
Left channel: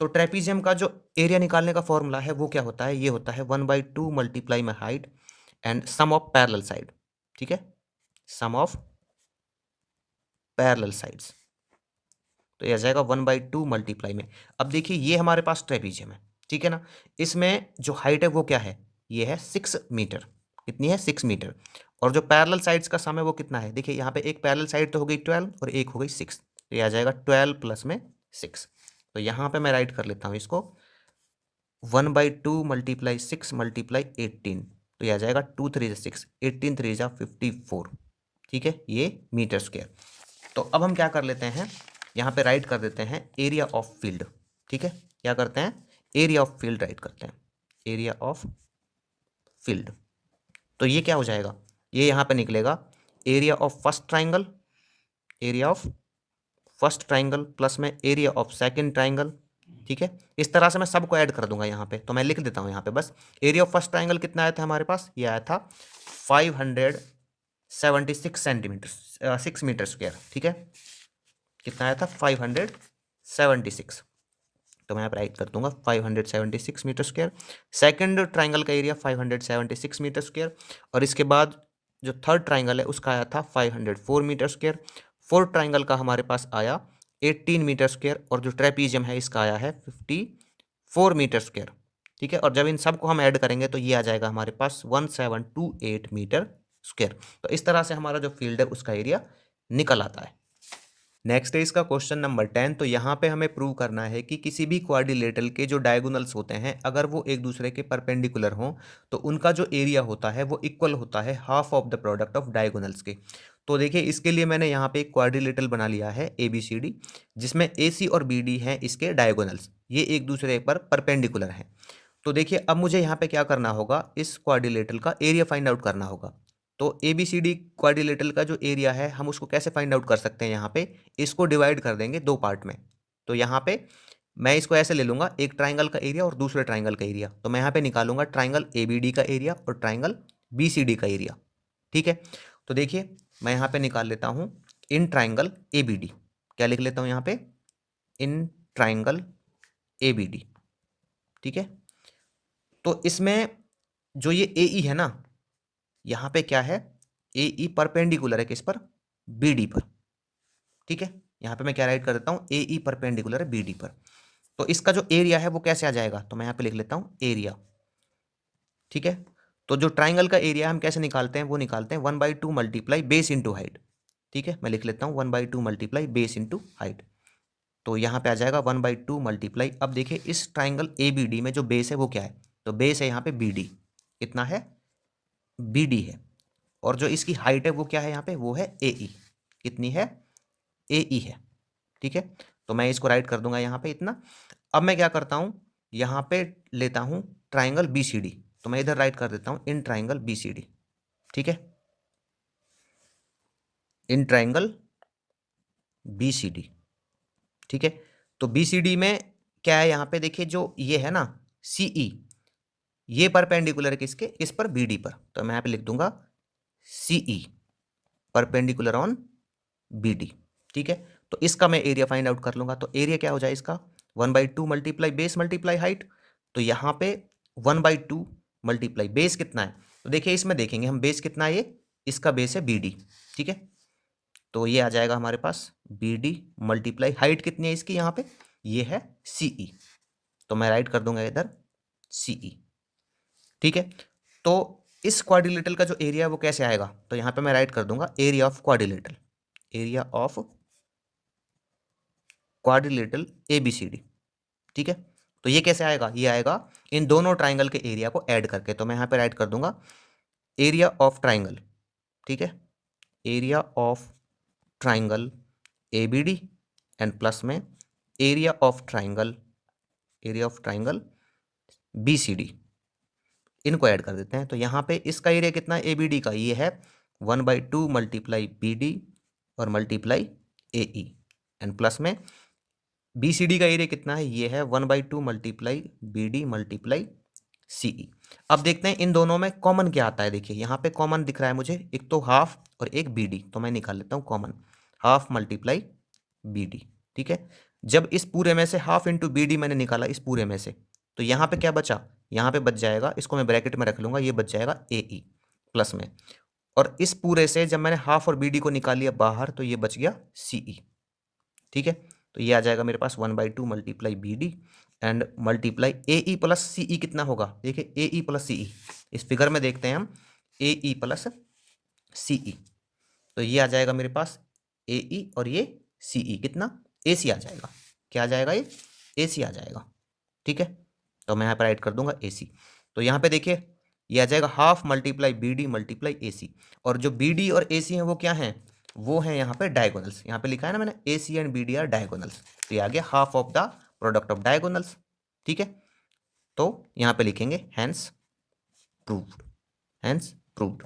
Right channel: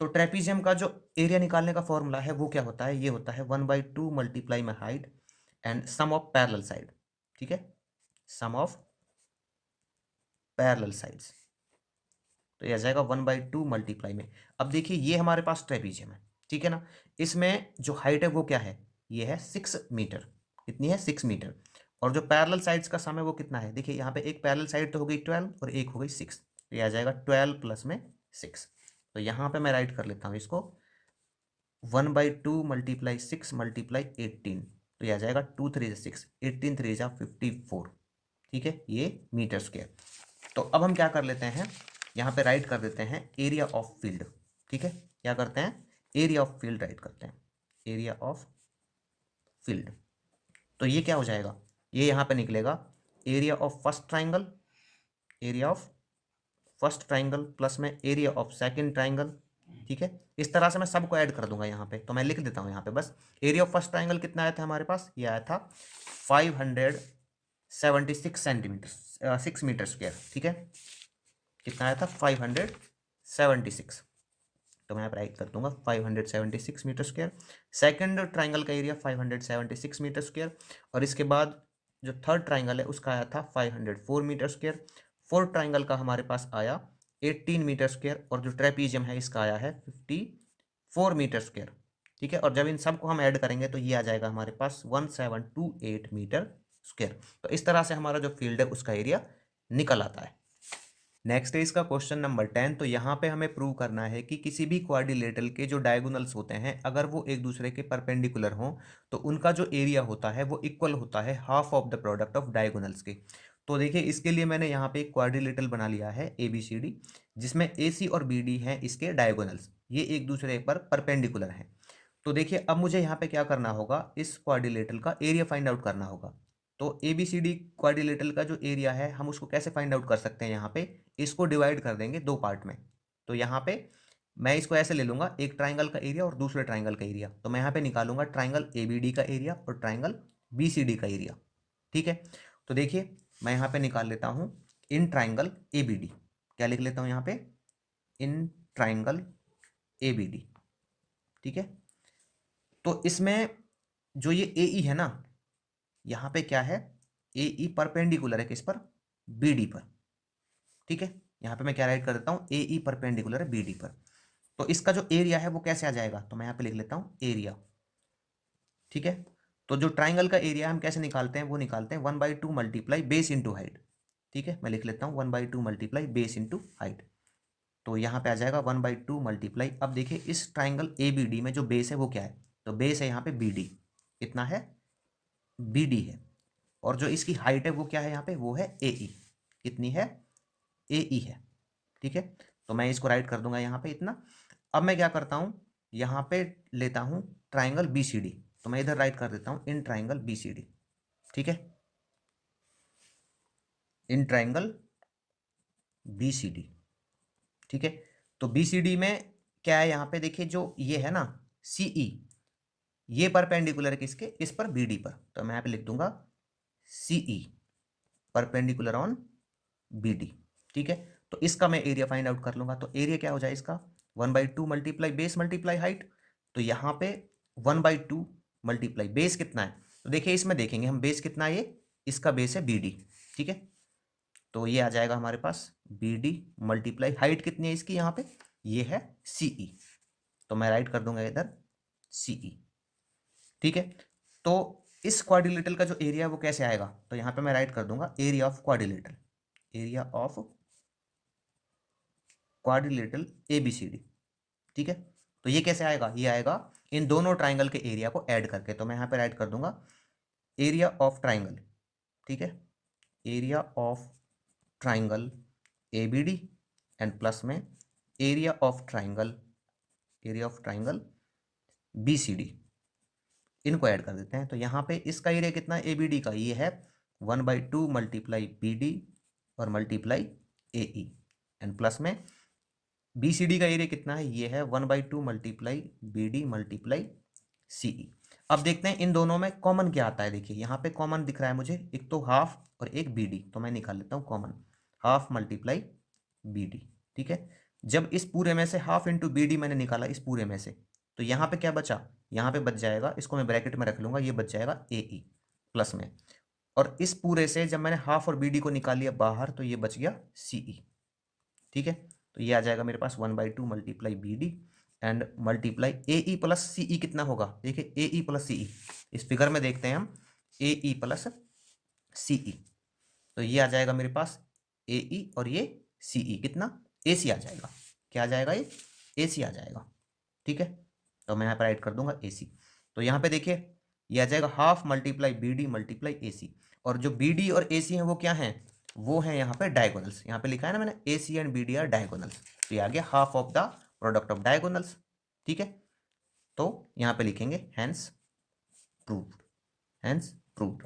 तो ट्रेपीजियम का जो एरिया निकालने का फॉर्मूला है वो क्या होता है, ये होता है 1/2 multiply my height and sum of parallel side, ठीक है, सम ऑफ पैरेलल साइड्स। तो ये आ जाएगा 1/2 मल्टीप्लाई में। अब देखिए ये हमारे पास ट्रेपीजियम है, ठीक है ना। इसमें जो हाइट है वो क्या है, ये है 6 मीटर, कितनी है 6 मीटर, और जो पैरेलल साइड्स का सम है वो कितना है, देखिए यहाँ पे एक पैरेलल साइड तो हो गई 12 और एक हो गई 6, तो ये आ जाएगा 12 प्लस में 6। तो यहाँ पे मैं राइट कर लेता हूँ इसको 1/2 मल्टीप्लाई 6 मल्टीप्लाई 18, तो ये आ जाएगा 2 3 6, 18 3 54, ठीक है, ये मीटर स्क्वायर। तो अब हम क्या कर लेते हैं, यहाँ पे राइट कर देते हैं एरिया ऑफ फील्ड, ठीक है, क्या करते हैं, एरिया ऑफ फील्ड राइट करते हैं, एरिया ऑफ फील्ड। तो ये क्या हो जाएगा, ये यहाँ पे निकलेगा area of first triangle, area of first triangle plus में एरिया ऑफ सेकंड ट्राइंगल, ठीक है। इस तरह से मैं सबको ऐड कर दूंगा यहाँ पे, तो मैं लिख देता हूँ यहाँ पे बस, एरिया ऑफ फर्स्ट ट्राइंगल कितना आया था हमारे पास, ये आया था 576 सेंटीमीटर 6 मीटर स्क्वायर, ठीक है, कितना आया था 576, तो मैं यहाँ पर राइट कर दूंगा 576 मीटर स्क्वायर। सेकंड ट्राइंगल का एरिया 576 मीटर स्क्वायर, और इसके बाद जो थर्ड ट्राइंगल है उसका आया था 504 मीटर स्क्वायर। फोर्थ ट्राइंगल का हमारे पास आया 18 मीटर स्क्वायर, और जो ट्रेपीजियम है इसका आया है 54 मीटर स्क्वायर, ठीक है। और जब इन सबको हम ऐड करेंगे तो ये आ जाएगा हमारे पास 1728 मीटर स्क्वायर। तो इस तरह से हमारा जो फील्ड है उसका एरिया निकल आता है। नेक्स्ट है इसका क्वेश्चन नंबर 10। तो यहाँ पे हमें प्रूव करना है कि किसी भी क्वाड्रिलेटरल के जो डायगोनल्स होते हैं अगर वो एक दूसरे के परपेंडिकुलर हों तो उनका जो एरिया होता है वो इक्वल होता है half of the product of diagonals के। तो देखिए इसके लिए मैंने यहाँ पे एक क्वाड्रिलेटरल बना लिया है ABCD, जिसमें AC और BD हैं इसके डायगोनल्स, ये एक दूसरे पर परपेंडिकुलर हैं। तो देखिए अब मुझे यहाँ पे क्या करना होगा, इस क्वाड्रिलेटरल का एरिया फाइंड आउट करना होगा। तो ABCD क्वाड्रिलेटरल का जो एरिया है हम उसको कैसे फाइंड आउट कर सकते हैं, यहाँ पे इसको डिवाइड कर देंगे दो पार्ट में। तो यहाँ पे मैं इसको ऐसे ले लूँगा, एक ट्राइंगल का एरिया और दूसरे ट्राइंगल का एरिया, तो मैं यहाँ पे निकालूंगा ट्राइंगल ABD का एरिया और ट्राइंगल BCD का एरिया, ठीक है। तो देखिए मैं यहाँ पे निकाल लेता हूँ इन ट्राइंगल ABD, क्या लिख लेता हूँ यहाँ पे, इन ट्राइंगल ABD, ठीक है। तो इसमें जो ये AE है ना, यहाँ पे क्या है, AE परपेंडिकुलर है किस पर, BD पर, ठीक है। यहाँ पे मैं क्या राइट कर देता हूँ, AE परपेंडिकुलर है BD पर। तो इसका जो एरिया है वो कैसे आ जाएगा, तो मैं यहाँ पे लिख लेता हूँ एरिया, ठीक है। तो जो ट्राइंगल का एरिया हम कैसे निकालते हैं, वो निकालते हैं 1/2 मल्टीप्लाई बेस इंटू हाइट, ठीक है। मैं लिख लेता हूँ 1/2 मल्टीप्लाई बेस इंटू हाइट, तो यहाँ पे आ जाएगा 1/2 मल्टीप्लाई। अब देखिए इस ट्राइंगल ABD में जो बेस है वो क्या है, तो बेस है यहाँ पे BD, कितना है, BD है, और जो इसकी हाइट है वो क्या है यहाँ पे, वो है AE, कितनी है, AE है, ठीक है। तो मैं इसको राइट कर दूंगा यहाँ पे इतना। अब मैं क्या करता हूँ, यहाँ पे लेता हूँ ट्राइंगल BCD, तो मैं इधर राइट कर देता हूँ इन ट्राइंगल BCD, ठीक है, इन ट्राइंगल BCD, ठीक है। तो BCD में क्या है, यहाँ पे देखिए जो ये है ना CE, ये परपेंडिकुलर किसके, इस पर BD पर, तो मैं यहाँ पे लिख दूंगा CE परपेंडिकुलर ऑन BD, ठीक है। तो इसका मैं एरिया फाइंड आउट कर लूंगा, तो एरिया क्या हो जाए इसका, 1/2 मल्टीप्लाई बेस मल्टीप्लाई हाइट। तो यहाँ पे 1/2 मल्टीप्लाई बेस कितना है, तो देखिए इसमें देखेंगे हम बेस कितना है, ये इसका बेस है BD, ठीक है। तो ये आ जाएगा हमारे पास BD मल्टीप्लाई हाइट कितनी है इसकी, यहाँ पे ये है CE, तो मैं राइट कर दूंगा इधर CE, ठीक है। तो इस क्वाड्रिलेटरल का जो एरिया है वो कैसे आएगा, तो यहाँ पे मैं राइट कर दूंगा area of quadrilateral, area of quadrilateral ABCD, ठीक है। तो ये कैसे आएगा, ये आएगा इन दोनों ट्राइंगल के एरिया को ऐड करके, तो मैं यहाँ पे राइट कर दूंगा एरिया ऑफ ट्राइंगल, ठीक है, area of triangle ABD and plus में area of triangle, area of triangle BCD, इनको ऐड कर देते हैं। तो यहाँ पे इसका एरिया कितना है ABD का, ये है 1/2 मल्टीप्लाई BD और मल्टीप्लाई AE एंड प्लस में BCD का एरिया कितना है, ये है 1/2 मल्टीप्लाई BD मल्टीप्लाई CE। अब देखते हैं इन दोनों में कॉमन क्या आता है, देखिए यहाँ पे कॉमन दिख रहा है मुझे, एक तो हाफ और एक BD, तो मैं निकाल लेता हूँ कॉमन, हाफ मल्टीप्लाई BD, ठीक है। जब इस पूरे में से हाफ इंटू BD मैंने निकाला इस पूरे में से, तो यहाँ पे क्या बचा, यहाँ पे बच जाएगा, इसको मैं ब्रैकेट में रख लूंगा, ये बच जाएगा AE प्लस में, और इस पूरे से जब मैंने हाफ और BD को निकाल लिया बाहर तो ये बच गया CE, ठीक है। तो ये आ जाएगा मेरे पास 1/2 multiply BD and multiply AE plus CE, कितना होगा, देखिए AE प्लस CE, इस फिगर में देखते हैं हम AE प्लस CE। तो ये आ जाएगा मेरे पास AE और ये CE कितना AC आ जाएगा। क्या आ जाएगा ये AC आ जाएगा। ठीक है, तो मैं यहाँ पर राइट कर दूंगा AC। तो यहाँ पे देखिए ये आ जाएगा half multiply BD multiply AC। और जो BD और AC हैं वो क्या हैं, वो हैं यहाँ पे डायगोनल्स। यहाँ पे लिखा है ना मैंने AC and BD are diagonals. तो ये आ गया half of the product of diagonals. ठीक है, तो यहाँ पे लिखेंगे हैंस प्रूव्ड, हैंस प्रूव्ड।